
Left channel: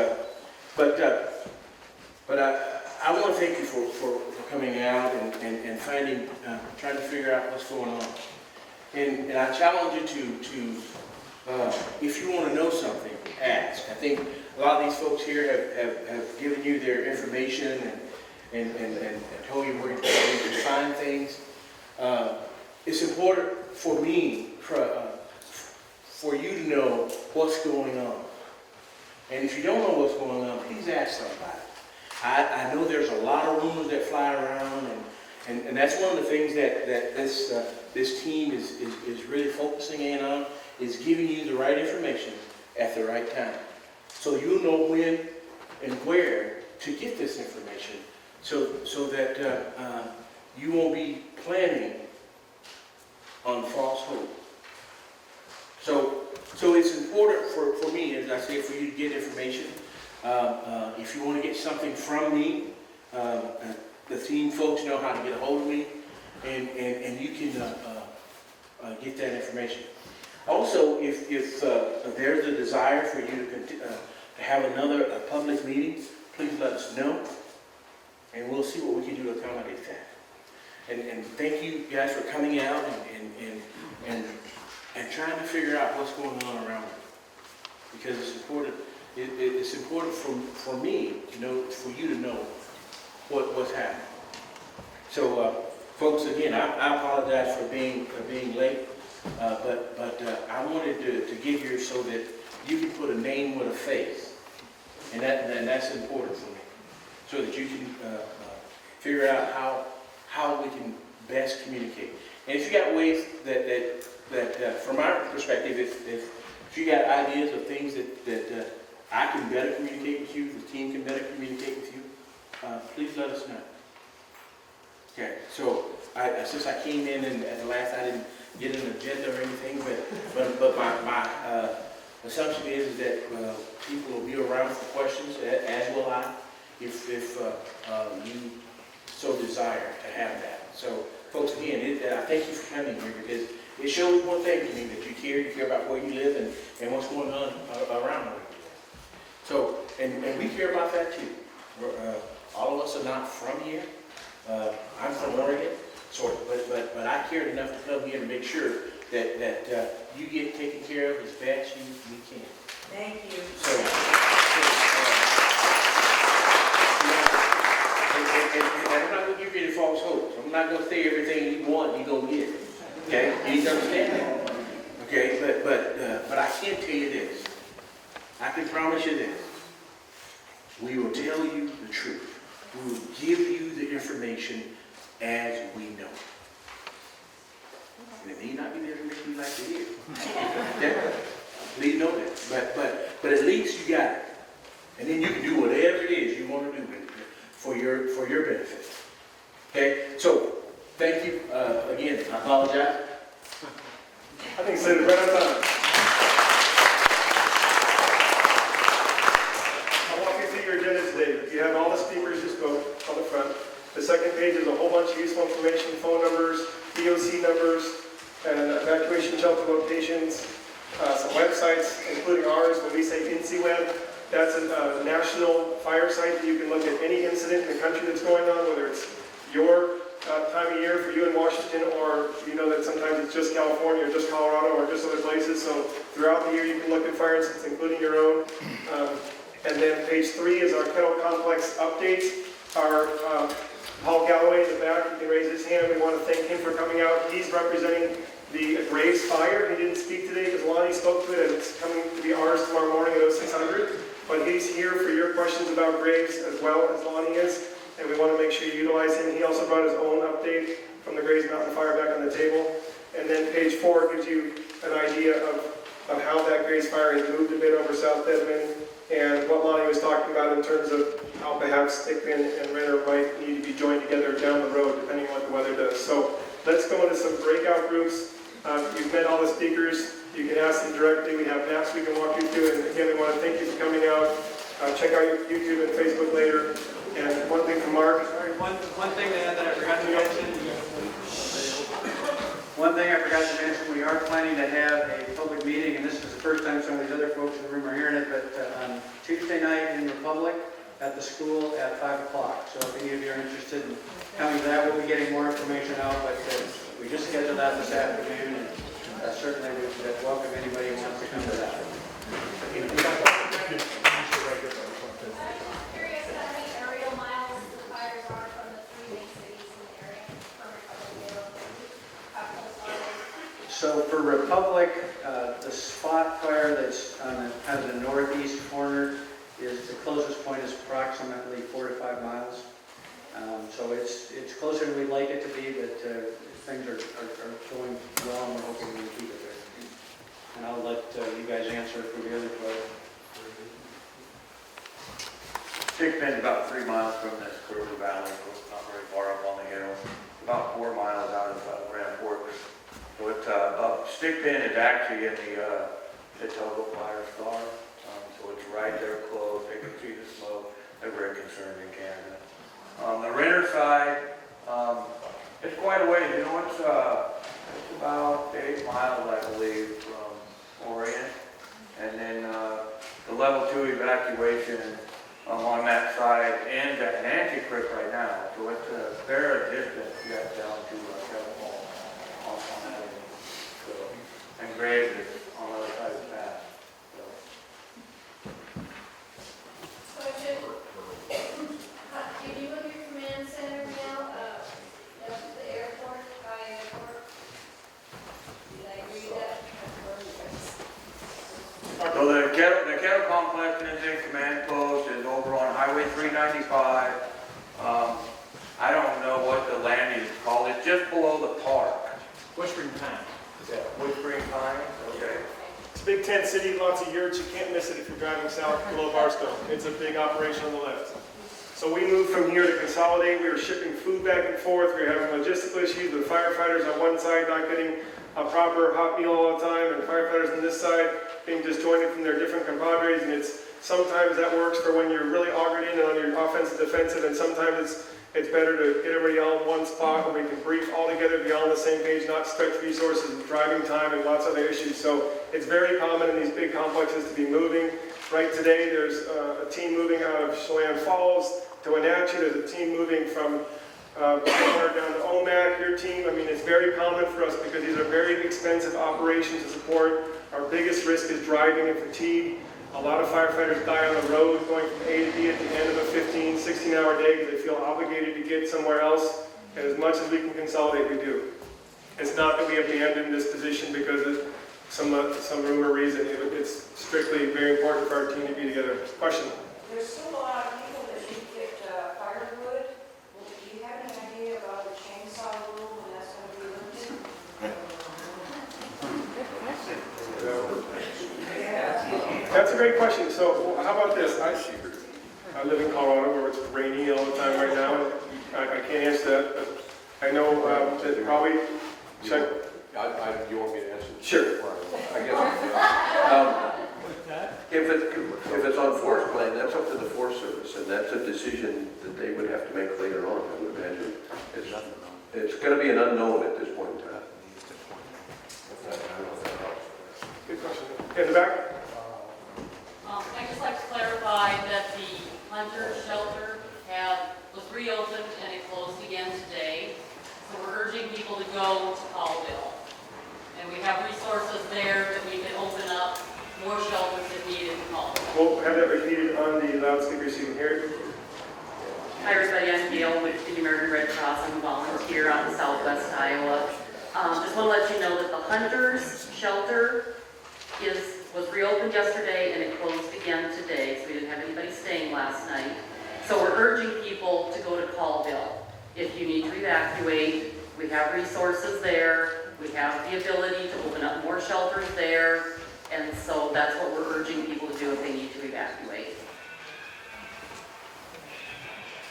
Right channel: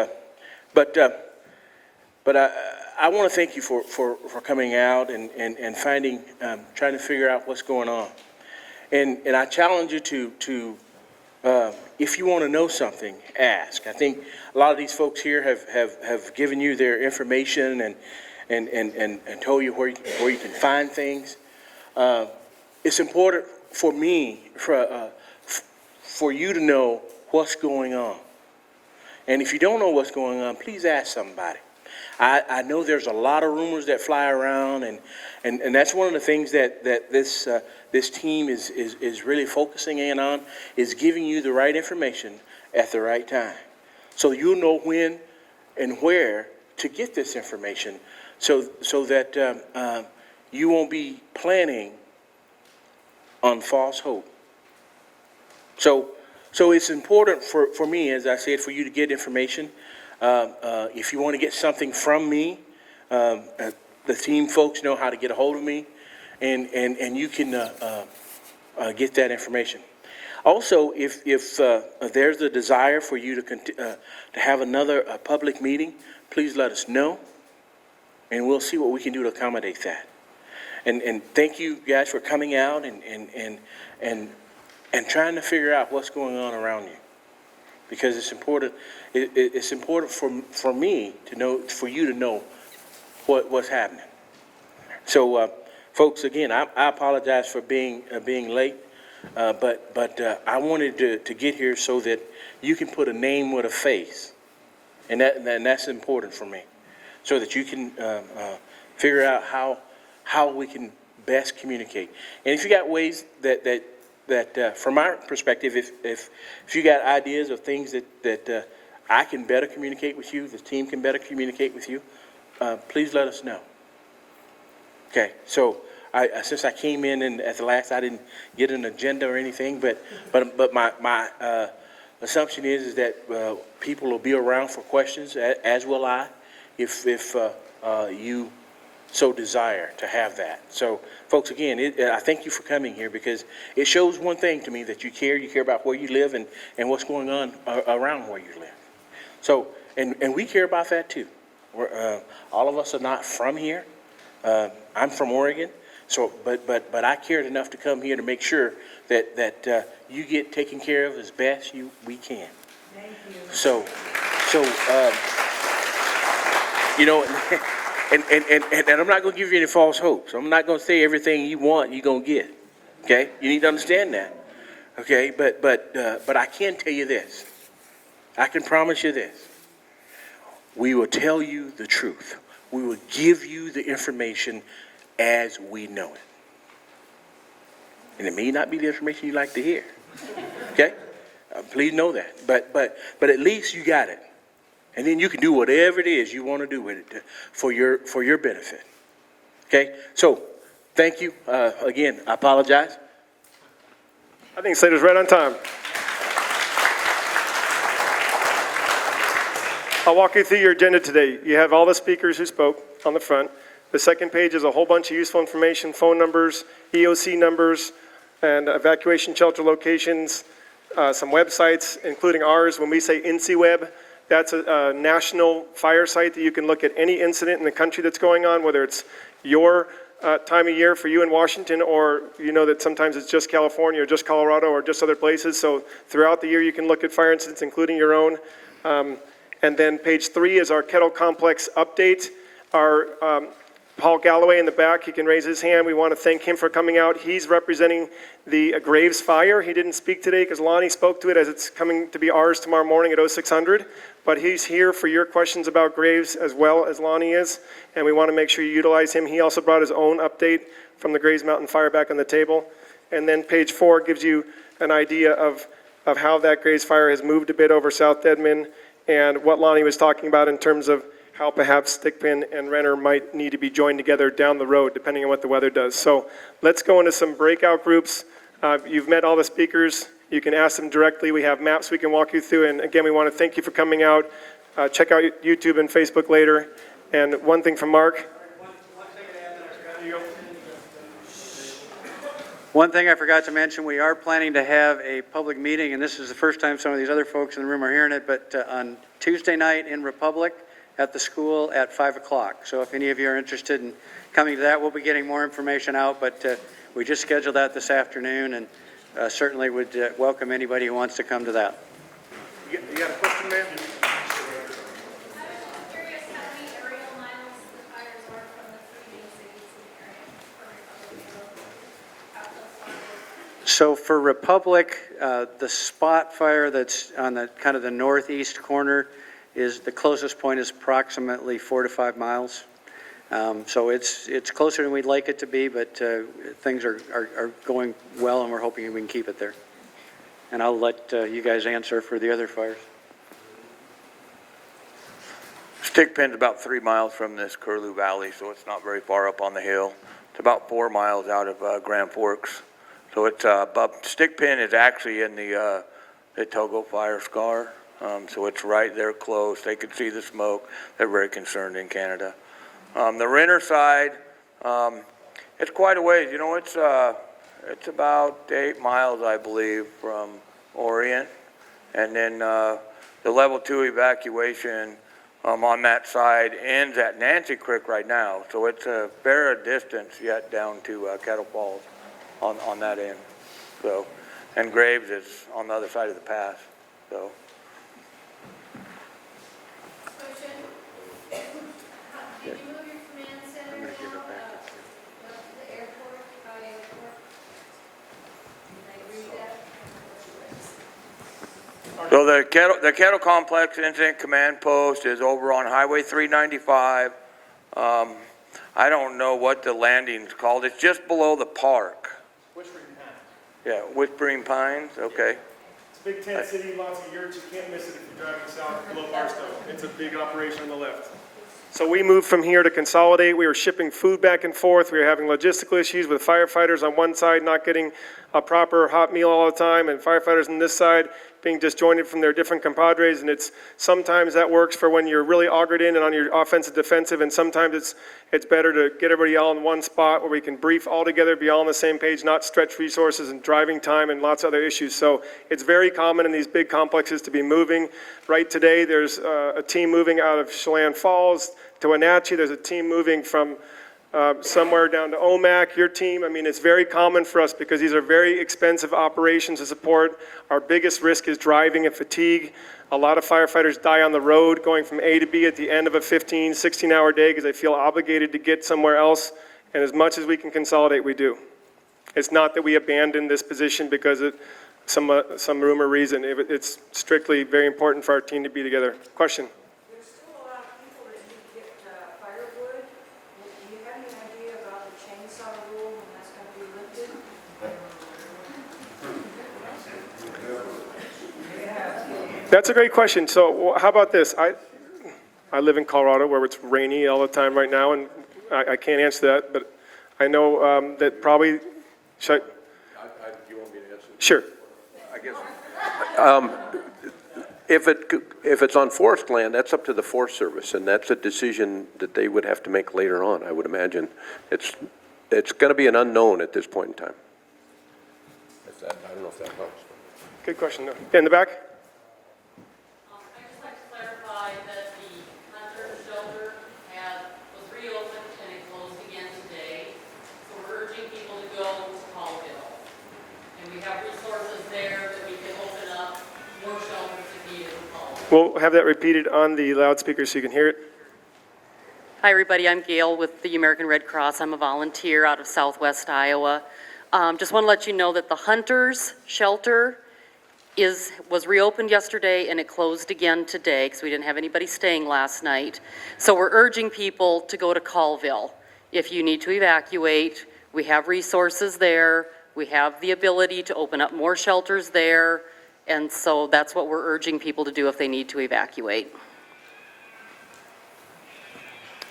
but I want to thank you for coming out and finding, trying to figure out what's going on. And I challenge you to if you want to know something, ask. I think a lot of these folks here have given you their information and told you where you can find things. It's important for me, for you to know what's going on. And if you don't know what's going on, please ask somebody. I know there's a lot of rumors that fly around, And that's one of the things that this team is really focusing in on, is giving you the right information at the right time. So you'll know when and where to get this information, so that you won't be planning on false hope. So it's important for me, as I said, for you to get information. If you want to get something from me, the team folks know how to get a hold of me, and you can get that information. Also, if there's a desire for you to have another public meeting, please let us know, and we'll see what we can do to accommodate that. And thank you guys for coming out and trying to figure out what's going on around you, because it's important. It's important for me to know, for you to know what's happening. So, folks, again, I apologize for being late, but I wanted to get here so that you can put a name with a face, and that's important for me, so that you can figure out how we can best communicate. And if you got ways that from our perspective, if you got ideas of things that I can better communicate with you, the team can better communicate with you, please let us know. Okay, so since I came in and at the last, I didn't get an agenda or anything, but my assumption is that people will be around for questions, as will I, if you so desire to have that. So, folks, again, I thank you for coming here, because it shows one thing to me, that you care about where you live and what's going on around where you live. So, and we care about that too. All of us are not from here. I'm from Oregon, so but I cared enough to come here to make sure that you get taken care of as best we can. Thank you. So you know, and I'm not going to give you any false hopes. I'm not going to say everything you want you're going to get. Okay, you need to understand that. Okay, but I can tell you this. I can promise you this. We will tell you the truth. We will give you the information as we know. And it may not be the information you like to hear. Okay? Please know that. But at least you got it. And then you can do whatever it is you want to do with it for your benefit. Okay? So, thank you. Again, I apologize. I think Slater's right on time. I'll walk you through your agenda today. You have all the speakers who spoke on the front. The second page is a whole bunch of useful information, phone numbers, EOC numbers, and evacuation shelter locations, some websites, including ours. When we say INCIWeb, that's a national fire site that you can look at any incident in the country that's going on, whether it's your time of year for you in Washington, or you know that sometimes it's just California or just Colorado or just other places. So throughout the year you can look at fire incidents, including your own. And then page 3 is our Kettle Complex update. Our Paul Galloway in the back, he can raise his hand. We want to thank him for coming out. He's representing the Graves fire. He didn't speak today because Lonnie spoke to it, as it's coming to be ours tomorrow morning at 0600. But he's here for your questions about Graves as well as Lonnie is. And we want to make sure you utilize him. He also brought his own update from the Graves Mountain Fire back on the table. And then page 4 gives you an idea of how that Graves fire has moved a bit over South Dedmon, and what Lonnie was talking about in terms of how perhaps Stickpin and Renner might need to be joined together down the road, depending on what the weather does. So let's go into some breakout groups. You've met all the speakers. You can ask them directly. We have maps we can walk you through. And again, we want to thank you for coming out. Check out YouTube and Facebook later. And one thing from Mark. One thing that I forgot to mention. One thing I forgot to mention, we are planning to have a public meeting, and this is the first time some of these other folks in the room are hearing it, but on Tuesday night in Republic at the school at 5 o'clock. So if any of you are interested in coming to that, we'll be getting more information out, but we just scheduled that this afternoon, and certainly would welcome anybody who wants to come to that. So for Republic, the spot fire that's on the kind of the northeast corner is the closest point is approximately 4 to 5 miles. So it's closer than we'd like it to be, but things are going well, and we're hoping we can keep it there. And I'll let you guys answer for the other fire. Stickpin's about 3 miles from this Curlew Valley, so it's not very far up on the hill. It's about 4 miles out of Grand Forks. So it's, but Stickpin is actually in the Togo fire scar. So it's right there close. They can see the smoke. They're very concerned in Canada. The Renner side, it's quite a ways. You know, it's about 8 miles, I believe, from Orion. And then the level 2 evacuation on that side ends at Nancy Creek right now. So it's a fair distance yet down to Kettle Falls on that end. So, and Graves is on the other side of the pass. So. Question. Did you move your command center now, the airport, by airport? Did I agree that? So the Kettle Complex Incident Command Post is over on Highway 395. I don't know what the landing's called. It's just below the park. Whispering Pine. Yeah, Whispering Pines, okay. It's a big tent city, lots of yurts. You can't miss it if you're driving south below Barstow. It's a big operation on the left. So we moved from here to consolidate. We were shipping food back and forth. We were having logistical issues with firefighters on one side not getting a proper hot meal all the time, and firefighters on this side being disjointed from their different compadres. And it's sometimes that works for when you're really augured in and on your offensive defensive, and sometimes it's better to get everybody all in one spot where we can brief all together, be all on the same page, not stretch resources and driving time and lots of other issues. So it's very common in these big complexes to be moving. Right today, there's a team moving out of Chelan Falls to Wenatchee. There's a team moving from somewhere down to Omak, your team. I mean, it's very common for us because these are very expensive operations to support. Our biggest risk is driving and fatigue. A lot of firefighters die on the road going from A to B at the end of a 15, 16-hour day because they feel obligated to get somewhere else. And as much as we can consolidate, we do. It's not that we abandon this position because of some rumor reason. It's strictly very important for our team to be together. Question? There's still a lot of people that need to get firewood. Do you have any idea about the chainsaw rule when that's going to be lifted? That's a great question. So how about this? I live in Colorado where it's rainy all the time right now, and I can't answer that, but I know that probably, should I? You want me to answer? Sure. I guess. If it's on forest land, that's up to the Forest Service, and that's a decision that they would have to make later on, I would imagine. It's going to be an unknown at this point in time. Good question. Yeah, in the back? I'd just like to clarify that the Hunter Shelter was reopened and it closed again today. So we're urging people to go to Colville. And we have resources there that we can open up more shelters if needed in Colville. We'll have that repeated on the loudspeaker so you can hear it. Hi everybody, I'm Gail with the American Red Cross. I'm a volunteer out of Southwest Iowa. Just want to let you know that the Hunters Shelter was reopened yesterday and it closed again today because we didn't have anybody staying last night. So we're urging people to go to Colville. If you need to evacuate, we have resources there. We have the ability to open up more shelters there. And so that's what we're urging people to do if they need to evacuate.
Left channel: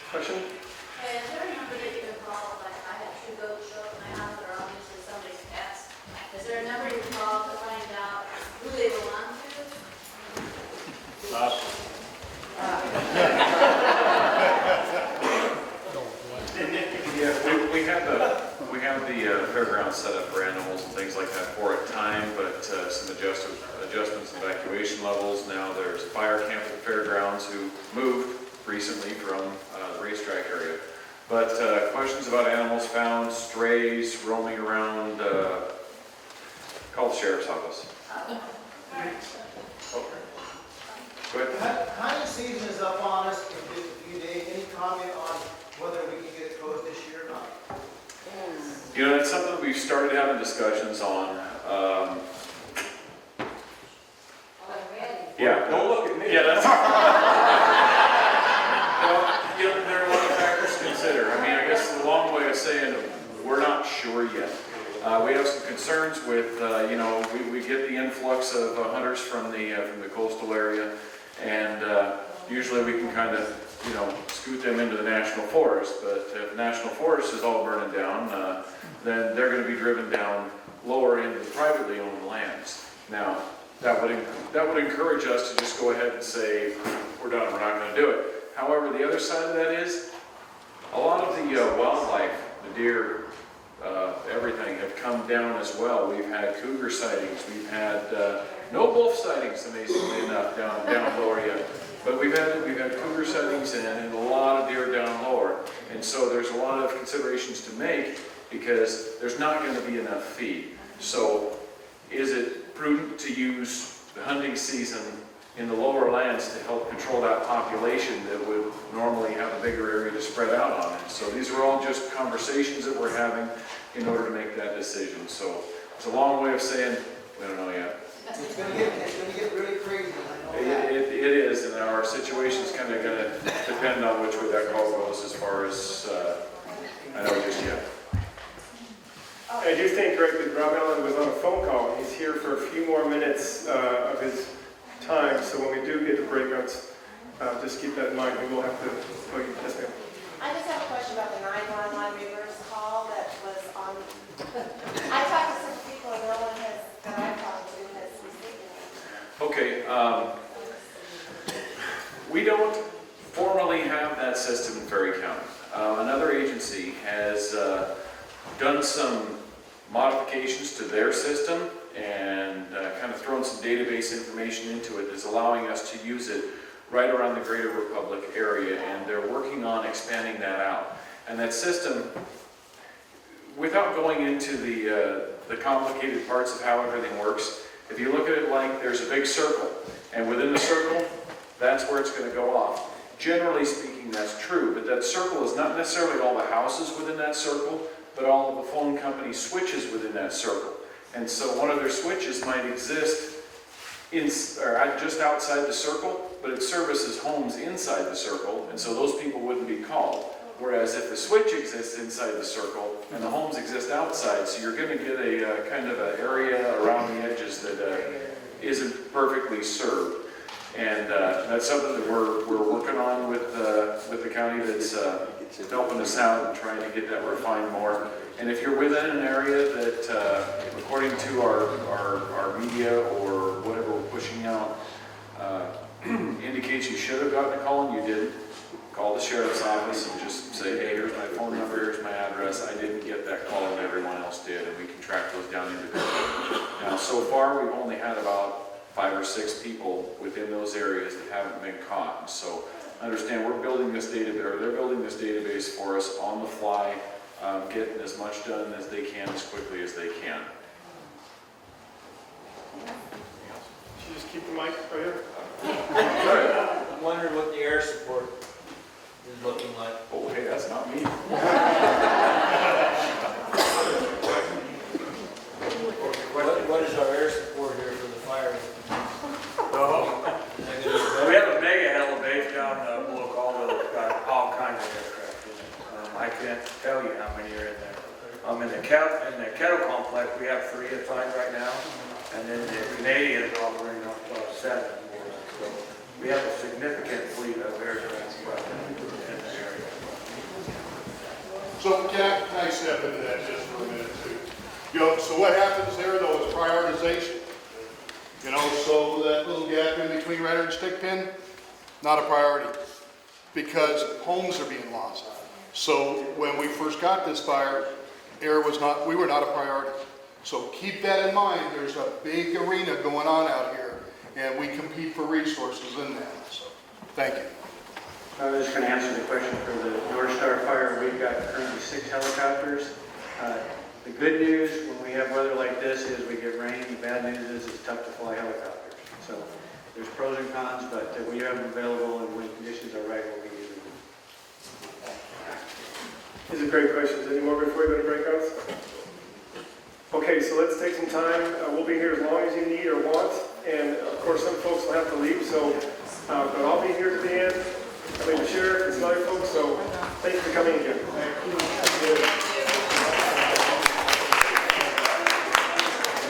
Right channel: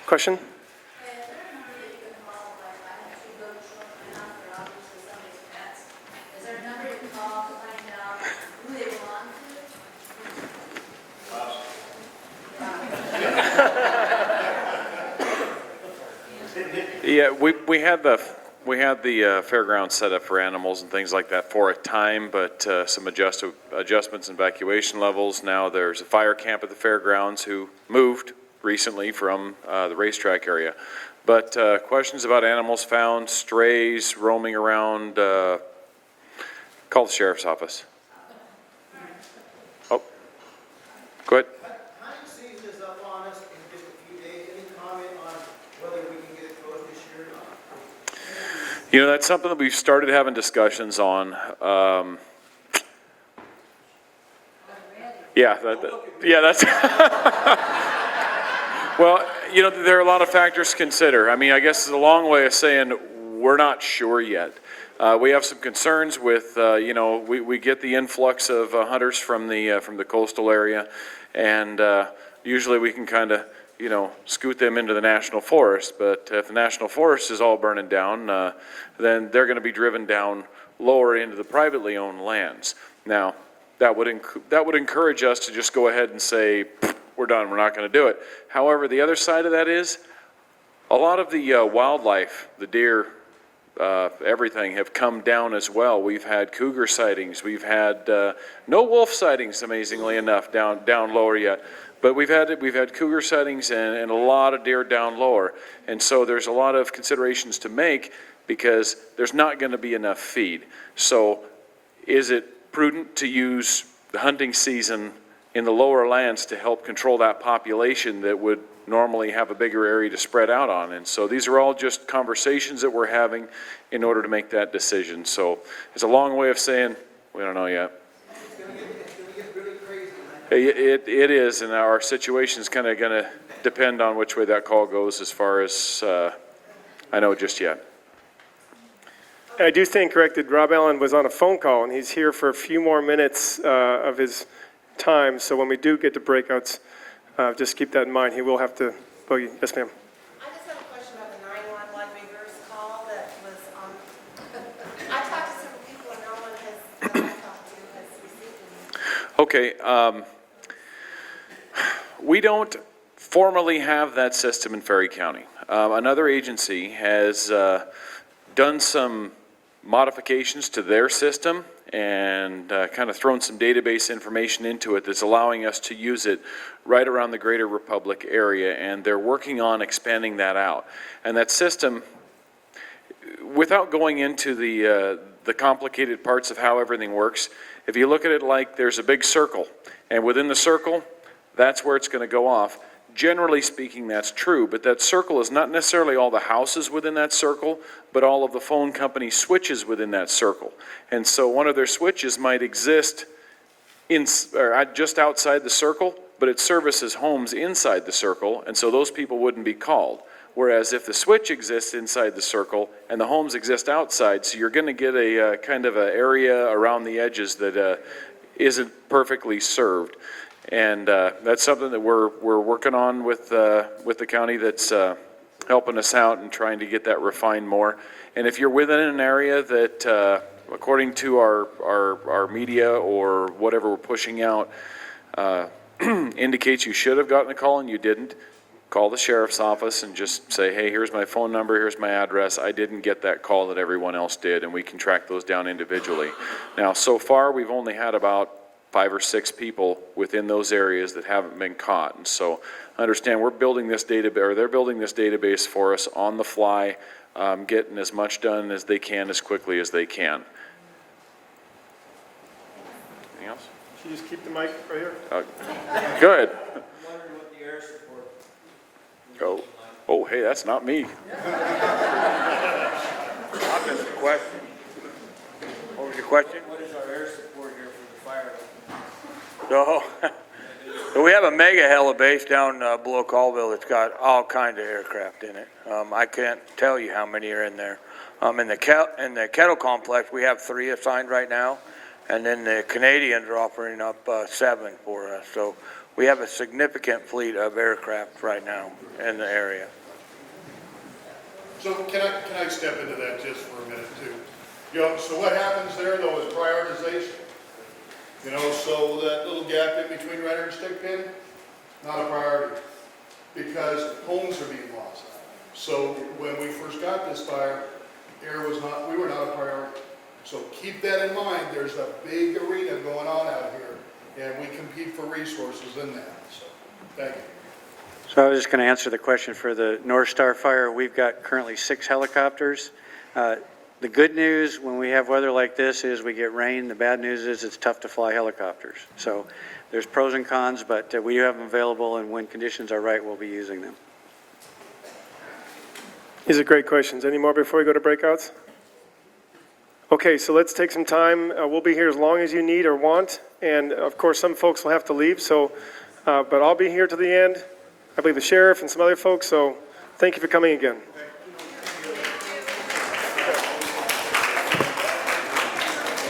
Question? Is there a number that you can call, like I actually go to show up my house or obviously somebody's pets? Is there a number you can call to find out who they belong to? Yeah, we had the fairgrounds set up for animals and things like that for a time, but some adjustments in evacuation levels. Now there's a fire camp at the fairgrounds who moved recently from the racetrack area. But questions about animals found, strays roaming around, call the sheriff's office. Oh, go ahead. Hunting season is up on us in just a few days. Any comment on whether we can get it closed this year or not? You know, that's something that we've started having discussions on. Yeah, that's, well, you know, there are a lot of factors to consider. I mean, I guess it's a long way of saying we're not sure yet. We have some concerns with, you know, we get the influx of hunters from the coastal area, and usually we can kind of, you know, scoot them into the national forest. But if the national forest is all burning down, then they're going to be driven down lower into the privately owned lands. Now, that would encourage us to just go ahead and say, we're done, we're not going to do it. However, the other side of that is, a lot of the wildlife, the deer, everything have come down as well. We've had cougar sightings, we've had no wolf sightings, amazingly enough, down lower yet. But we've had cougar sightings and a lot of deer down lower. And so there's a lot of considerations to make because there's not going to be enough feed. So is it prudent to use the hunting season in the lower lands to help control that population that would normally have a bigger area to spread out on? And so these are all just conversations that we're having in order to make that decision. So it's a long way of saying we don't know yet. It's gonna get really crazy. It is, and our situation's kind of going to depend on which way that call goes as far as I know just yet. I do stand corrected, Rob Allen was on a phone call, and he's here for a few more minutes of his time, so when we do get to breakouts, just keep that in mind. He will have to boogie. Yes, ma'am. I just have a question about the 911 reverse call that was on. I talked to some people and no one has talked to has. Okay, we don't formally have that system in Ferry County. Another agency has done some modifications to their system and kind of thrown some database information into it that's allowing us to use it right around the greater Republic area, and they're working on expanding that out. And that system, without going into the complicated parts of how everything works, if you look at it like there's a big circle, and within the circle, that's where it's going to go off. Generally speaking, that's true, but that circle is not necessarily all the houses within that circle, but all of the phone company switches within that circle. And so one of their switches might exist just outside the circle, but it services homes inside the circle, and so those people wouldn't be called. Whereas if the switch exists inside the circle and the homes exist outside, so you're going to get a kind of an area around the edges that isn't perfectly served. And that's something that we're working on with the county that's helping us out and trying to get that refined more. And if you're within an area that, according to our media or whatever we're pushing out, indicates you should have gotten a call and you didn't, call the sheriff's office and just say, hey, here's my phone number, here's my address, I didn't get that call that everyone else did, and we can track those down individually. Now, so far, we've only had about 5 or 6 people within those areas that haven't been caught. And so understand we're building this database, or they're building this database for us on the fly, getting as much done as they can as quickly as they can. Anything else? Should you just keep the mic right here? Good. I'm wondering what the air support is looking like. Oh, hey, that's not me. What is our air support here for the fire? So we have a mega heli base down below Colville that's got all kinds of aircraft in it. I can't tell you how many are in there. In the Kettle Complex, we have 3 assigned right now, and then the Canadians are offering up 7 for us. So we have a significant fleet of aircraft right now in the area. So can I step into that just for a minute too? You know, so what happens there though is prioritization. You know, so that little gap in between Renner and Stickpin, not a priority because homes are being lost. So when we first got this fire, we were not a priority. So keep that in mind. There's a big arena going on out here and we compete for resources in that. So thank you. So I was just going to answer the question for the North Star fire. We've got currently 6 helicopters. The good news when we have weather like this is we get rain. The bad news is it's tough to fly helicopters. So there's pros and cons, but we have them available, and when conditions are right, we'll be using them. These are great questions. Any more before we go to breakouts? Okay, so let's take some time. We'll be here as long as you need or want, and of course some folks will have to leave, so, but I'll be here to the end. I believe the sheriff and some other folks, so thank you for coming again.